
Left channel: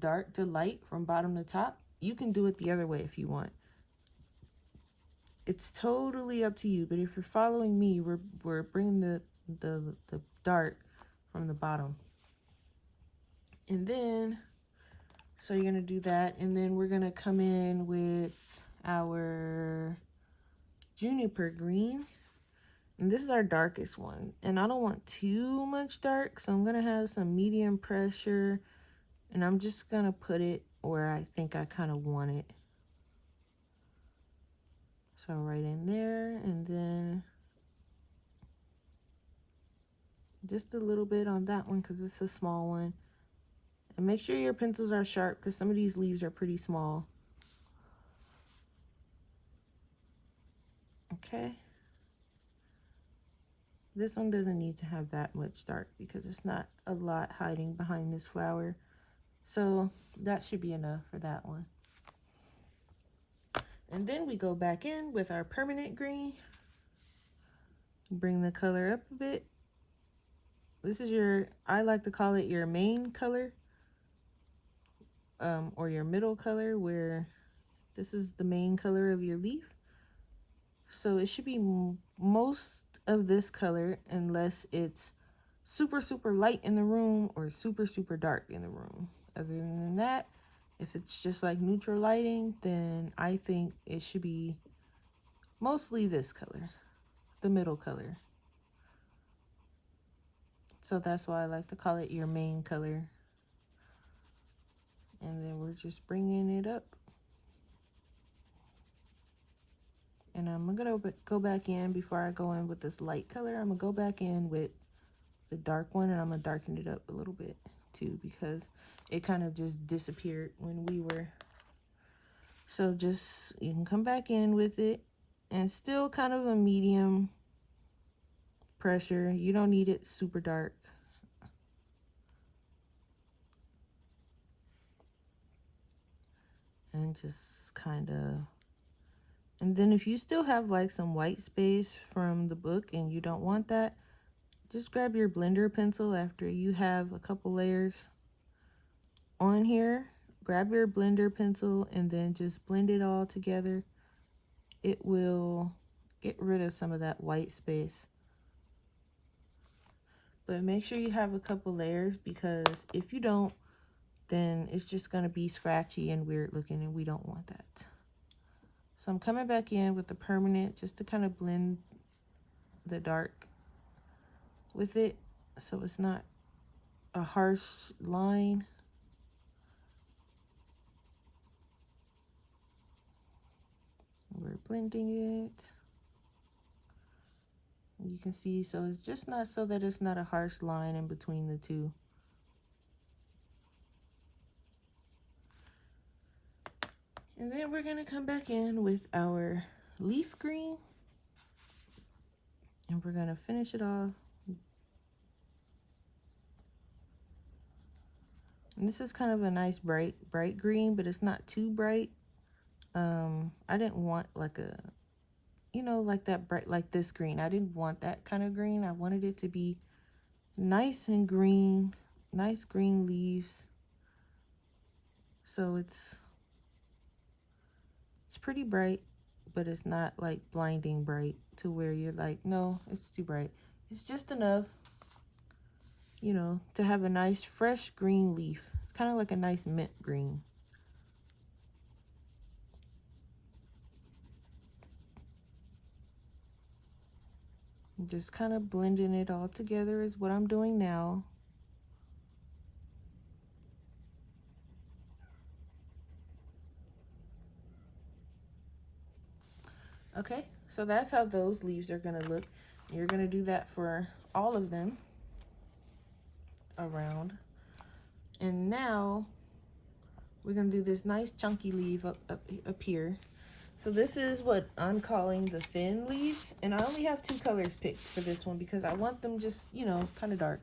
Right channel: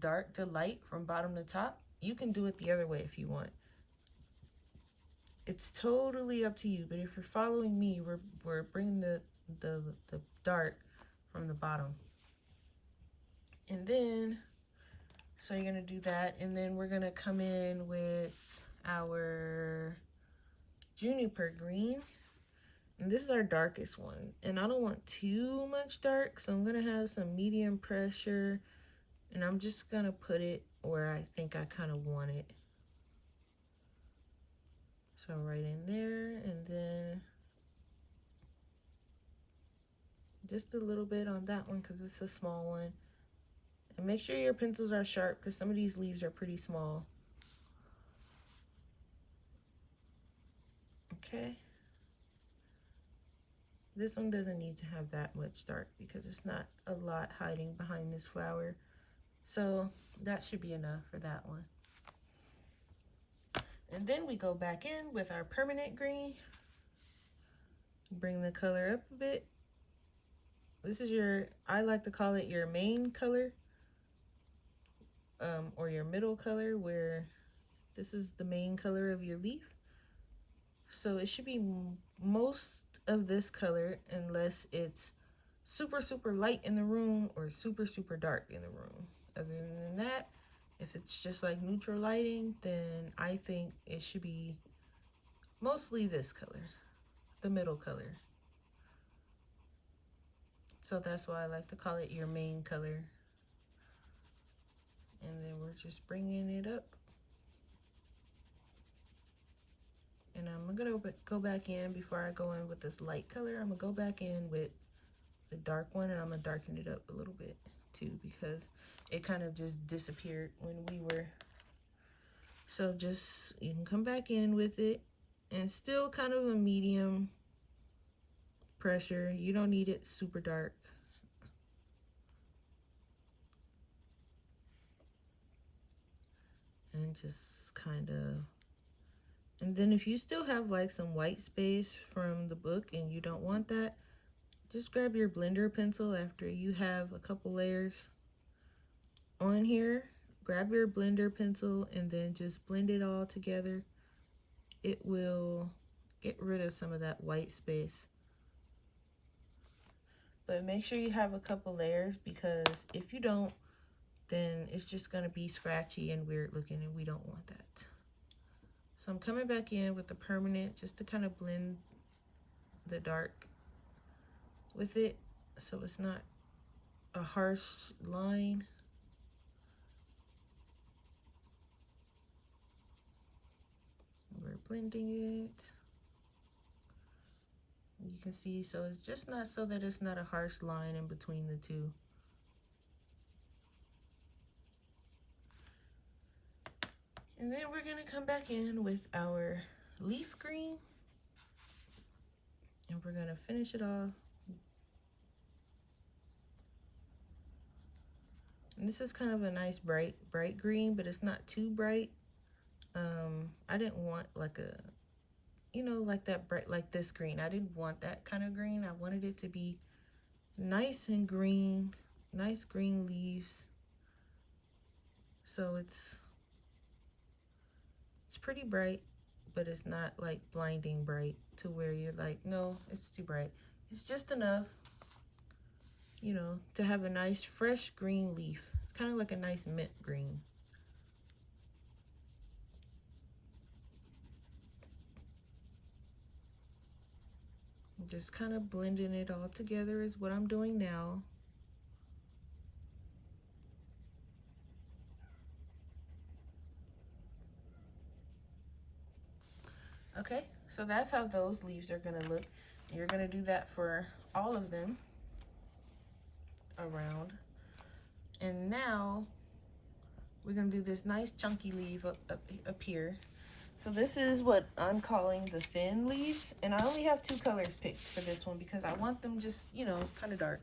dark to light from bottom to top. You can do it the other way if you want. It's totally up to you, but if you're following me, we're bringing the dark from the bottom. And then, so you're gonna do that, and then we're gonna come in with our juniper green. And this is our darkest one. And I don't want too much dark, so I'm gonna have some medium pressure, and I'm just gonna put it where I think I kind of want it. So right in there, and then just a little bit on that one because it's a small one. And make sure your pencils are sharp because some of these leaves are pretty small. Okay. This one doesn't need to have that much dark because it's not a lot hiding behind this flower. So that should be enough for that one. And then we go back in with our permanent green. Bring the color up a bit. This is your, I like to call it your main color, or your middle color, where this is the main color of your leaf. So it should be most of this color unless it's super, super light in the room or super, super dark in the room. Other than that, if it's just like neutral lighting, then I think it should be mostly this color, the middle color. So that's why I like to call it your main color. And then we're just bringing it up. And I'm gonna go back in before I go in with this light color. I'm gonna go back in with the dark one, and I'm gonna darken it up a little bit too, because it kind of just disappeared when we were. So just, you can come back in with it, and still kind of a medium pressure. You don't need it super dark. And just kind of, and then if you still have like some white space from the book and you don't want that, just grab your blender pencil after you have a couple layers on here. Grab your blender pencil and then just blend it all together. It will get rid of some of that white space. But make sure you have a couple layers, because if you don't, then it's just going to be scratchy and weird looking, and we don't want that. So I'm coming back in with the permanent just to kind of blend the dark with it, so it's not a harsh line. We're blending it. You can see, so it's just not so that it's not a harsh line in between the two. And then we're going to come back in with our leaf green, and we're going to finish it off. And this is kind of a nice bright green, but it's not too bright. I didn't want like a, you know, like that bright, like this green. I didn't want that kind of green. I wanted it to be nice and green, nice green leaves. So it's pretty bright, but it's not like blinding bright to where you're like, no, it's too bright. It's just enough, you know, to have a nice fresh green leaf. It's kind of like a nice mint green. Just kind of blending it all together is what I'm doing now. Okay, so that's how those leaves are gonna look. You're gonna do that for all of them around. And now we're gonna do this nice chunky leaf up here. So this is what I'm calling the thin leaves, and I only have 2 colors picked for this one because I want them just, you know, kind of dark.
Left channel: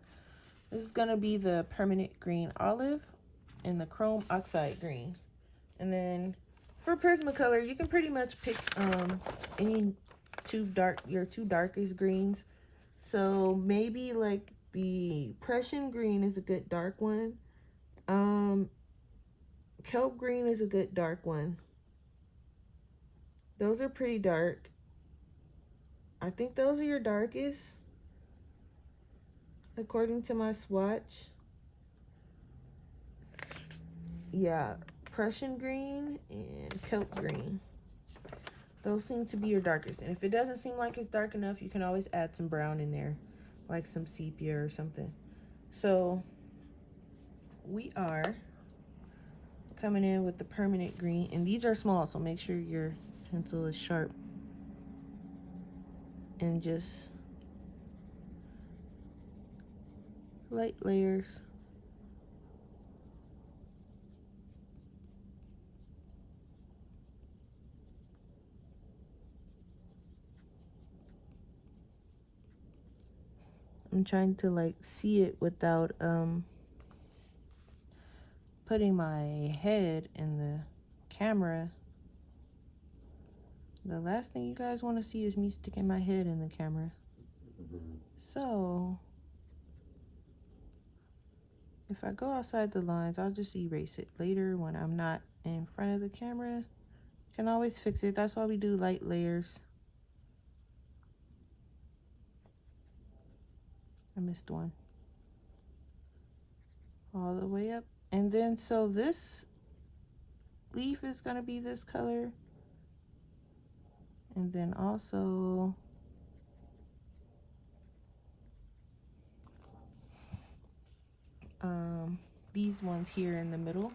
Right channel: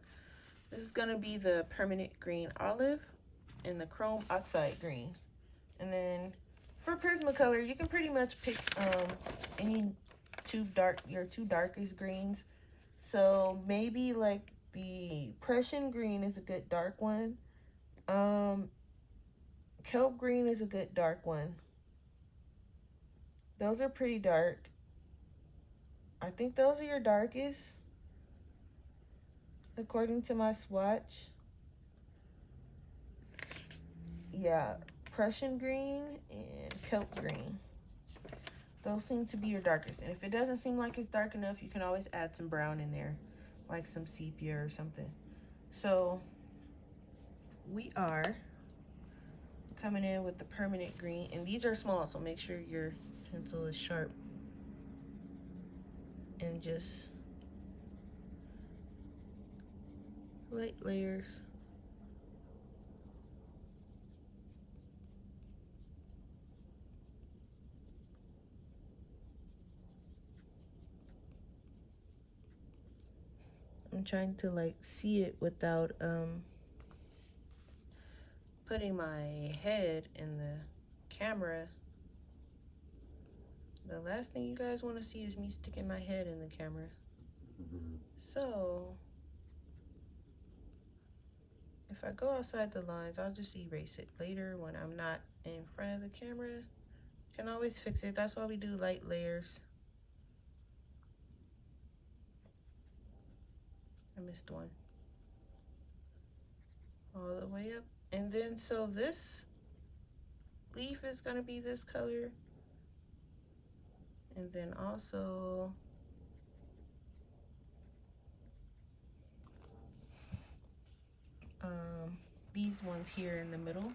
This is gonna be the permanent green olive and the chrome oxide green. And then for Prismacolor, you can pretty much pick any your 2 darkest greens. So maybe like the Prussian green is a good dark one. Kelp green is a good dark one. Those are pretty dark. I think those are your darkest, according to my swatch. Yeah, Prussian green and kelp green. Those seem to be your darkest. And if it doesn't seem like it's dark enough, you can always add some brown in there, like some sepia or something. So we are coming in with the permanent green, and these are small, so make sure your pencil is sharp. And just light layers. I'm trying to like see it without putting my head in the camera. The last thing you guys want to see is me sticking my head in the camera. So if I go outside the lines, I'll just erase it later when I'm not in front of the camera. Can always fix it. That's why we do light layers. I missed one. All the way up. And then so this leaf is going to be this color. And then also these ones here in the middle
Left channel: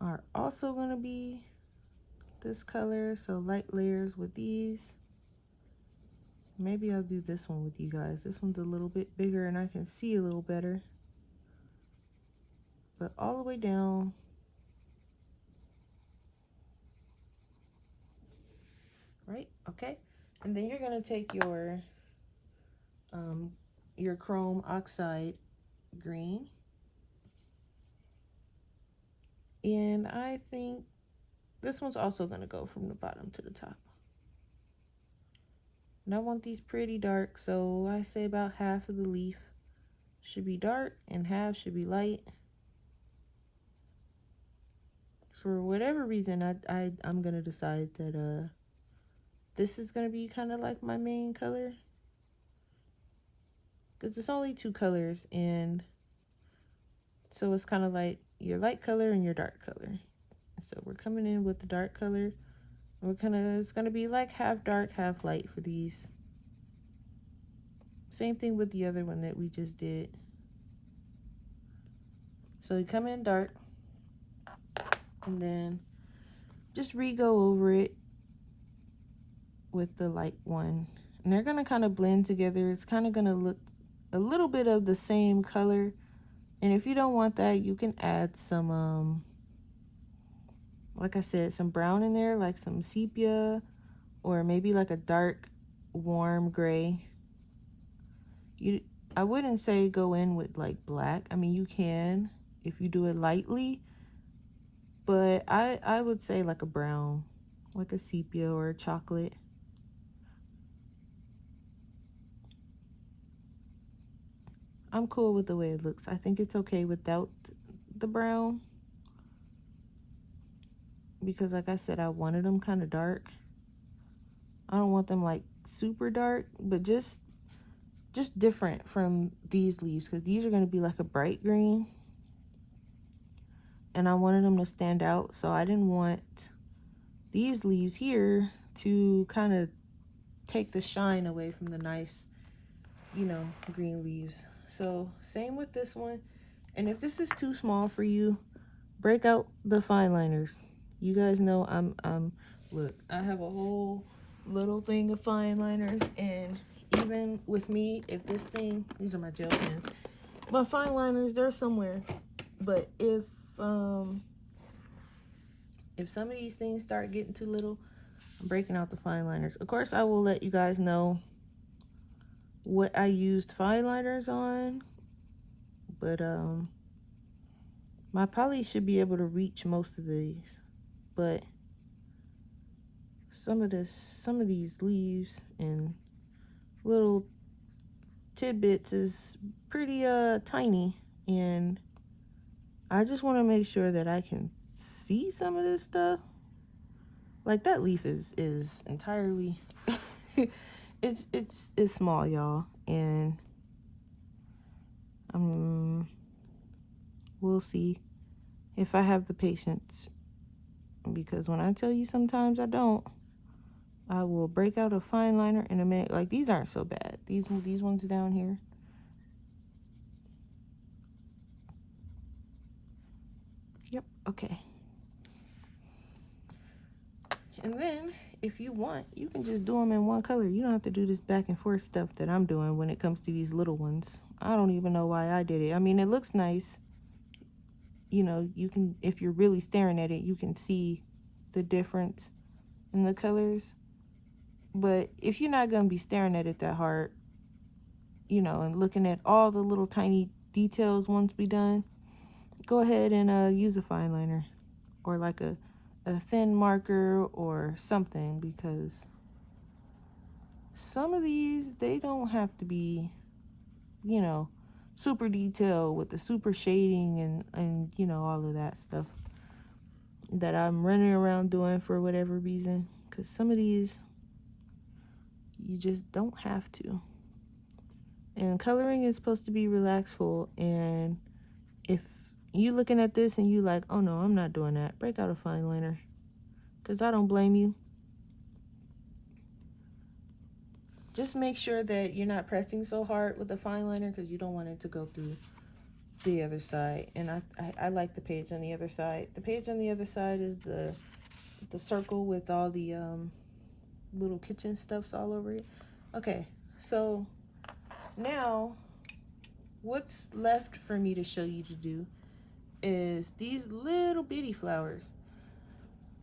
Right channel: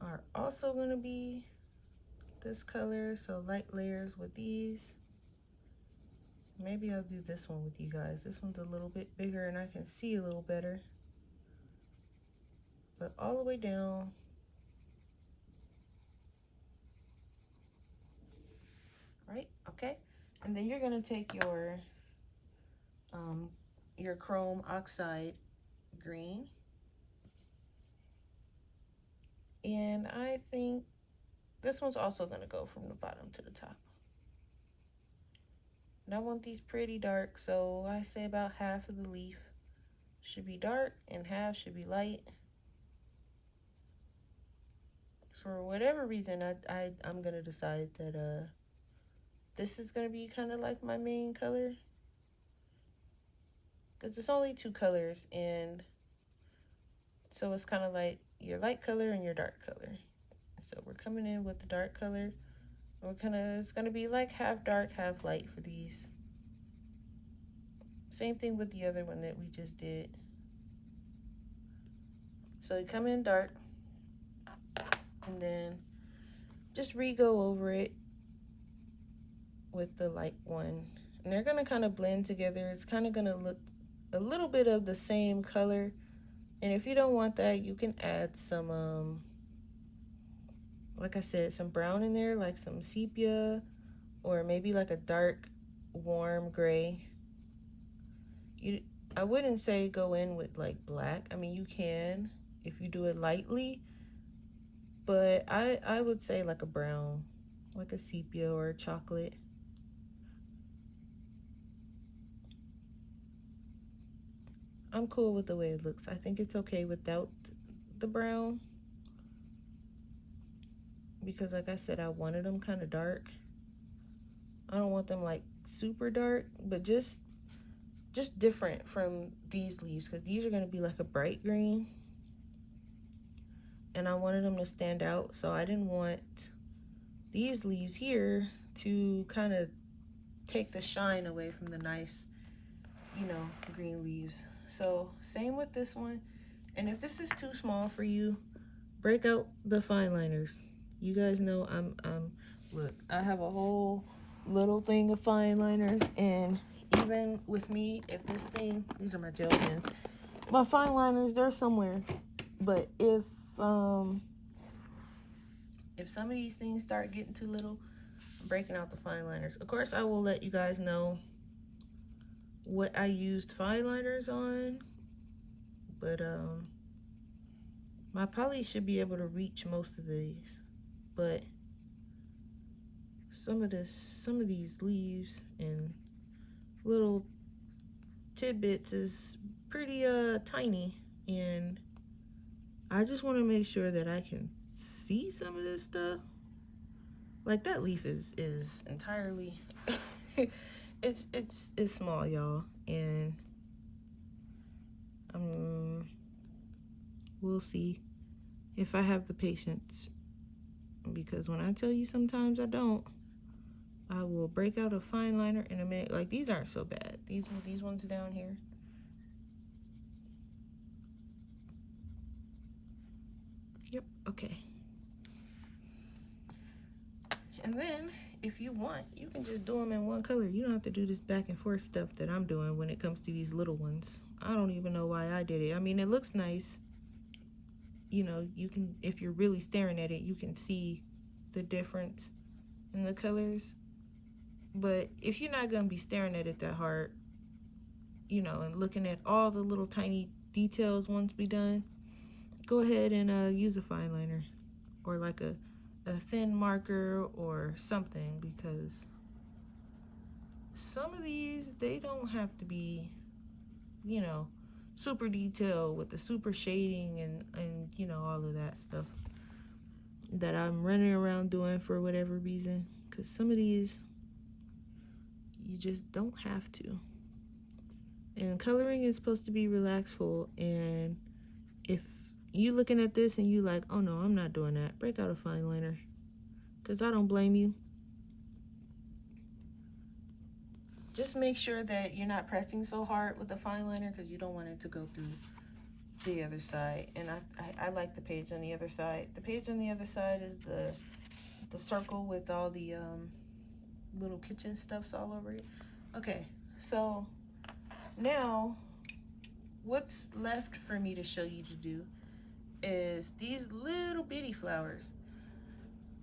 are also going to be this color, so light layers with these. Maybe I'll do this one with you guys. This one's a little bit bigger and I can see a little better. But all the way down. Right, okay. And then you're gonna take your chrome oxide green. And I think this one's also gonna go from the bottom to the top. And I want these pretty dark, so I say about half of the leaf should be dark and half should be light. For whatever reason, I'm gonna decide that this is gonna be kind of like my main color, because it's only two colors, and so it's kind of like your light color and your dark color. So we're coming in with the dark color. It's gonna be like half dark, half light for these. Same thing with the other one that we just did. So we come in dark, and then just re-go over it with the light one. And they're gonna kind of blend together. It's kind of gonna look a little bit of the same color. And if you don't want that, you can add some, like I said, some brown in there, like some sepia, or maybe like a dark, warm gray. I wouldn't say go in with like black. I mean, you can if you do it lightly, but I would say like a brown, like a sepia or a chocolate. I'm cool with the way it looks. I think it's okay without the brown, because like I said, I wanted them kind of dark. I don't want them like super dark, but just different from these leaves, because these are going to be like a bright green, and I wanted them to stand out, so I didn't want these leaves here to kind of take the shine away from the nice, you know, green leaves. So same with this one. And if this is too small for you, break out the fine liners. You guys know look, I have a whole little thing of fine liners, and even with me, if this thing, these are my gel pens, my fine liners, they're somewhere. But if some of these things start getting too little, I'm breaking out the fine liners. Of course, I will let you guys know what I used fine liners on, but my poly should be able to reach most of these, but some of these leaves and little tidbits is pretty tiny, and I just want to make sure that I can see some of this stuff. Like that leaf is entirely it's small, y'all, and we'll see if I have the patience, because when I tell you sometimes I don't, I will break out a fine liner in a minute. Like these aren't so bad. These ones down here. Yep, okay. And then if you want, you can just do them in one color. You don't have to do this back and forth stuff that I'm doing when it comes to these little ones. I don't even know why I did it. I mean, it looks nice. You know, you can, if you're really staring at it, you can see the difference in the colors. But if you're not going to be staring at it that hard, you know, and looking at all the little tiny details once we're done, go ahead and use a fine liner, or like a thin marker or something, because some of these, they don't have to be, you know, super detailed with the super shading and you know, all of that stuff that I'm running around doing for whatever reason, because some of these you just don't have to. And coloring is supposed to be relaxful, and if you looking at this and you like, oh no, I'm not doing that, break out a fine liner, because I don't blame you. Just make sure that you're not pressing so hard with the fine liner, because you don't want it to go through the other side, and I like the page on the other side. The page on the other side is the circle with all the little kitchen stuffs all over it. Okay, so now what's left for me to show you to do is these little bitty flowers.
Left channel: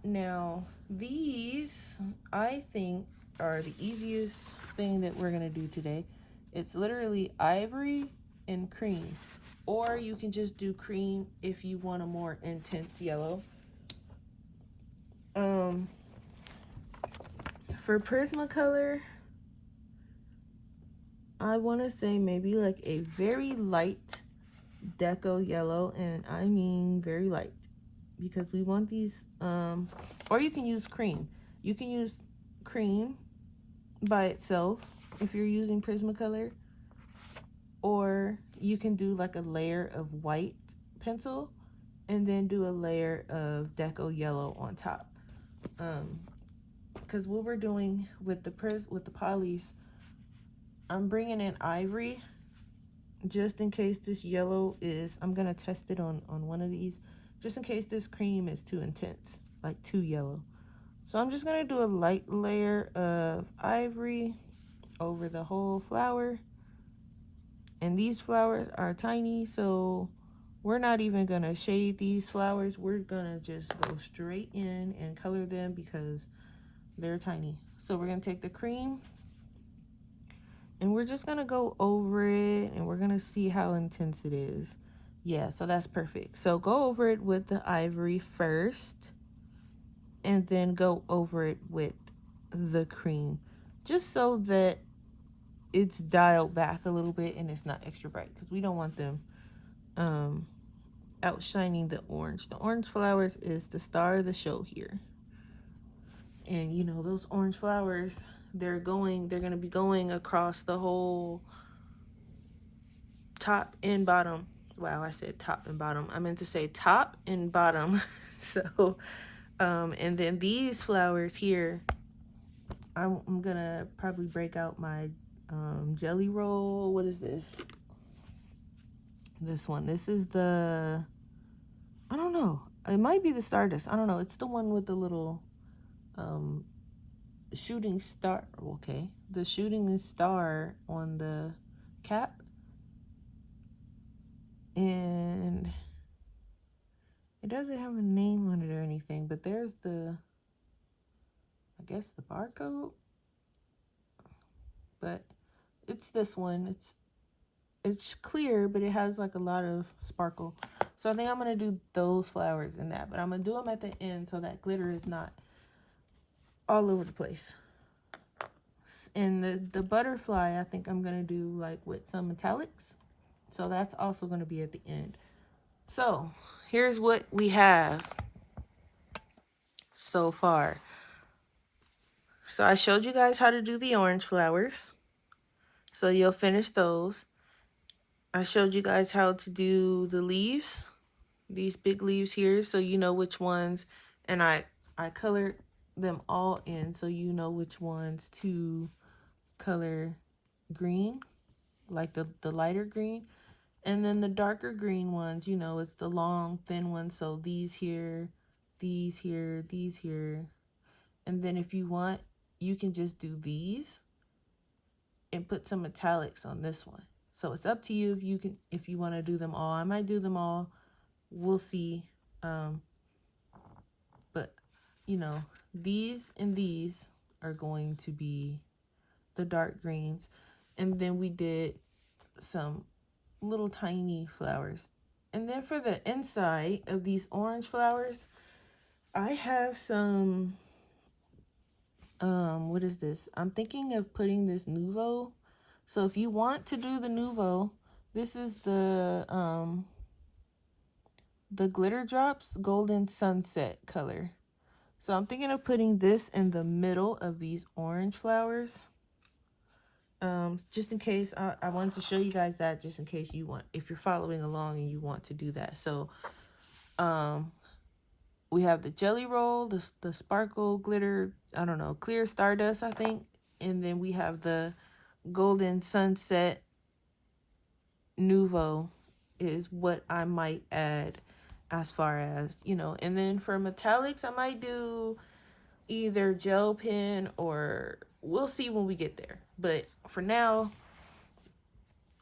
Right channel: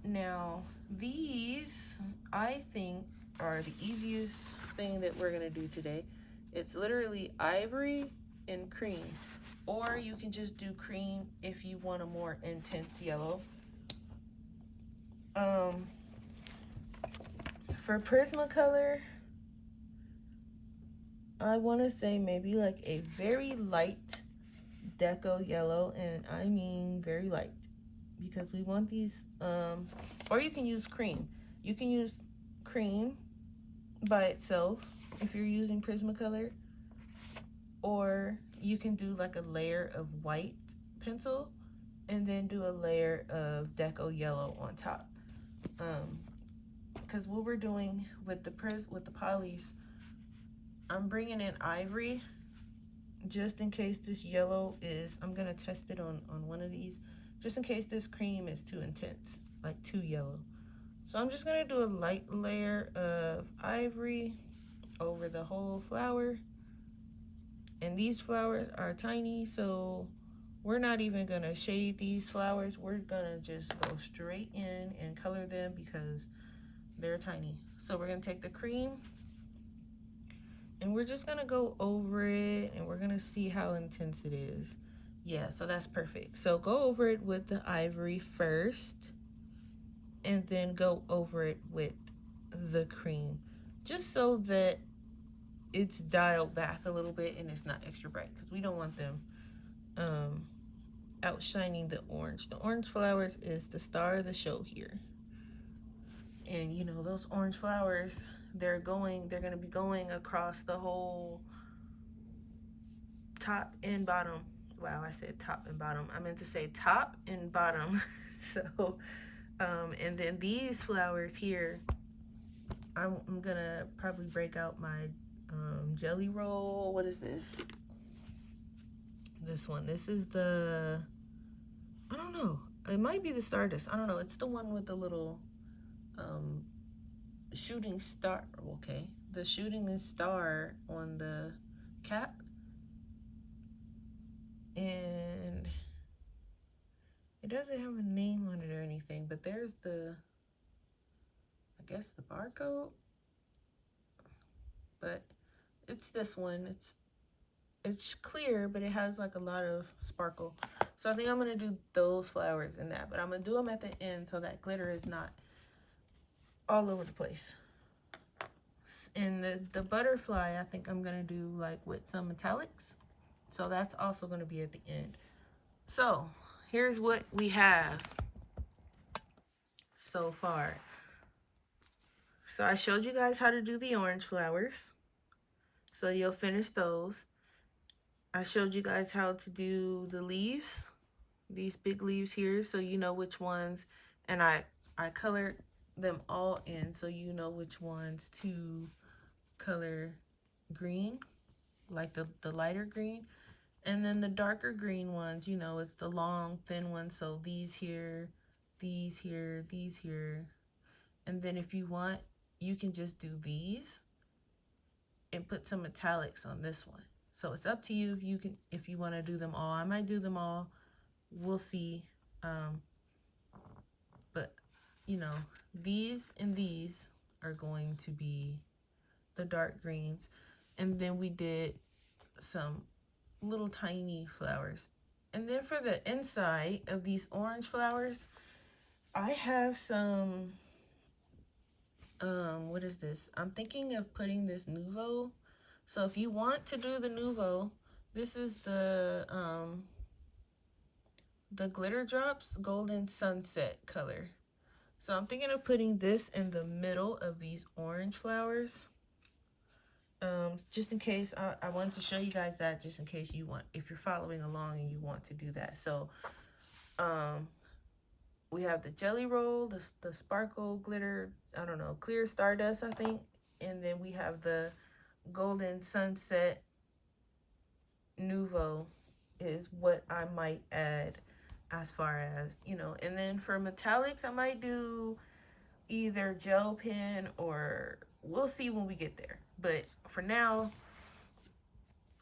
Now these, I think, are the easiest thing that we're gonna do today. It's literally ivory and cream, or you can just do cream if you want a more intense yellow. For Prismacolor, I want to say maybe like a very light deco yellow, and I mean very light, because we want these, or you can use cream. You can use cream by itself if you're using Prismacolor, or you can do like a layer of white pencil and then do a layer of deco yellow on top. Because what we're doing with the polys, I'm bringing in ivory just in case this yellow is, I'm gonna test it on one of these, just in case this cream is too intense, like too yellow. So I'm just gonna do a light layer of ivory over the whole flower. And these flowers are tiny, so we're not even gonna shade these flowers. We're gonna just go straight in and color them because they're tiny. So we're gonna take the cream and we're just gonna go over it, and we're gonna see how intense it is. Yeah, so that's perfect. So go over it with the ivory first, and then go over it with the cream, just so that it's dialed back a little bit and it's not extra bright, because we don't want them outshining the orange. The orange flowers is the star of the show here. And you know, those orange flowers, they're gonna be going across the whole top and bottom. Wow, I said top and bottom. I meant to say top and bottom. So, and then these flowers here, I'm gonna probably break out my jelly roll. What is this? This one. This is the, I don't know. It might be the Stardust. I don't know. It's the one with the little shooting star. Okay, the shooting star on the cap, and it doesn't have a name on it or anything, but there's the, I guess, the barcode. But it's this one. It's clear, but it has like a lot of sparkle. So I think I'm gonna do those flowers in that, but I'm gonna do them at the end so that glitter is not all over the place. And the butterfly, I think I'm gonna do like with some metallics. So that's also gonna be at the end. So here's what we have so far. So I showed you guys how to do the orange flowers. So you'll finish those. I showed you guys how to do the leaves, these big leaves here, so you know which ones, and I colored them all in so you know which ones to color green, like the lighter green. And then the darker green ones, you know, it's the long, thin ones. So these here, these here, these here. And then if you want, you can just do these and put some metallics on this one. So it's up to you if you want to do them all. I might do them all. We'll see. But, you know, these and these are going to be the dark greens. And then we did some little tiny flowers. And then for the inside of these orange flowers, I have some, what is this? I'm thinking of putting this Nouveau. So if you want to do the Nouveau, this is the Glitter Drops Golden Sunset color. So I'm thinking of putting this in the middle of these orange flowers. Just in case, I wanted to show you guys that, just in case you want, if you're following along and you want to do that. So, we have the jelly roll, the sparkle glitter, I don't know, clear stardust, I think. And then we have the golden sunset Nouveau is what I might add as far as, you know. And then for metallics, I might do either gel pen, or we'll see when we get there. But for now,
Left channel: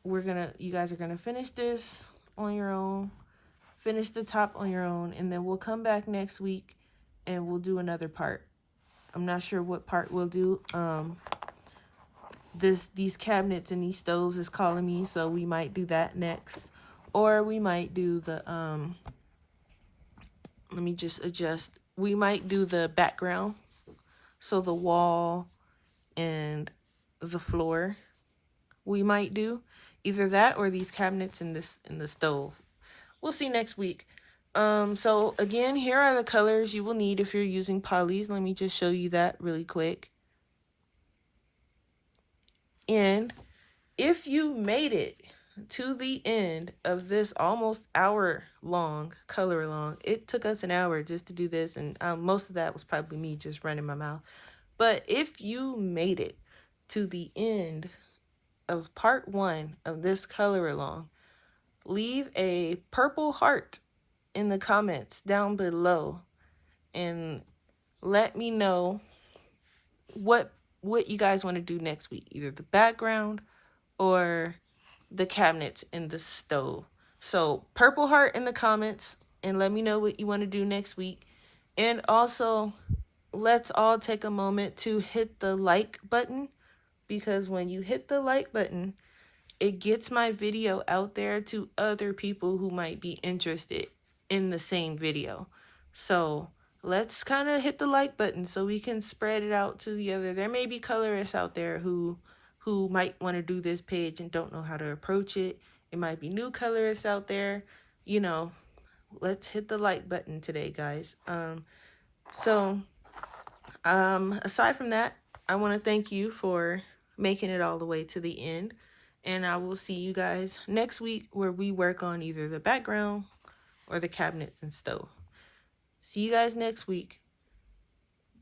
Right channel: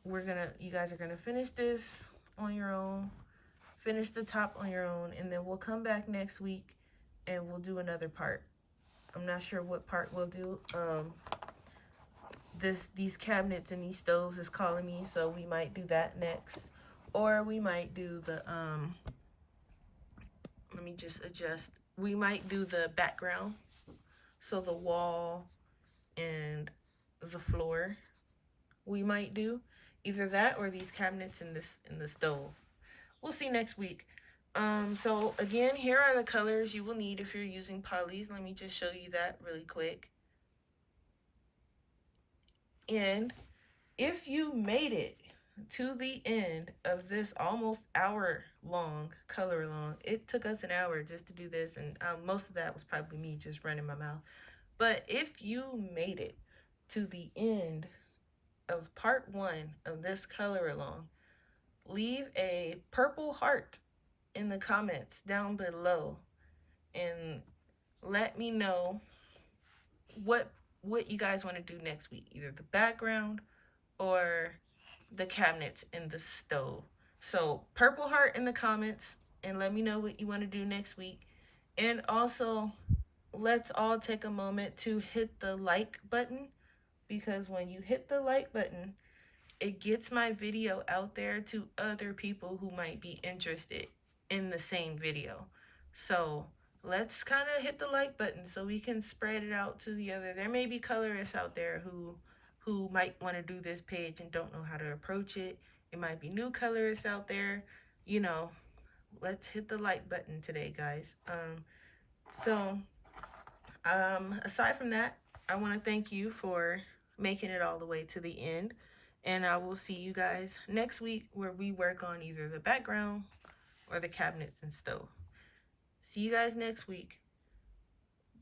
you guys are gonna finish this on your own, finish the top on your own, and then we'll come back next week and we'll do another part. I'm not sure what part we'll do. These cabinets and these stoves is calling me, so we might do that next. Or we might do the let me just adjust. We might do the background. So the wall and the floor. We might do either that or these cabinets in the stove. We'll see next week. So again, here are the colors you will need if you're using polys. Let me just show you that really quick. And if you made it to the end of this almost hour long color along, it took us an hour just to do this, and most of that was probably me just running my mouth. But if you made it to the end of part 1 of this color along, leave a purple heart in the comments down below and let me know what you guys want to do next week, either the background or the cabinets in the stove. So purple heart in the comments and let me know what you want to do next week. And also, let's all take a moment to hit the like button, because when you hit the like button, it gets my video out there to other people who might be interested in the same video. So let's kind of hit the like button so we can spread it out to the other. There may be colorists out there who might want to do this page and don't know how to approach it. It might be new colorists out there. You know, let's hit the like button today, guys. Aside from that, I want to thank you for making it all the way to the end. And I will see you guys next week where we work on either the background or the cabinets and stove. See you guys next week.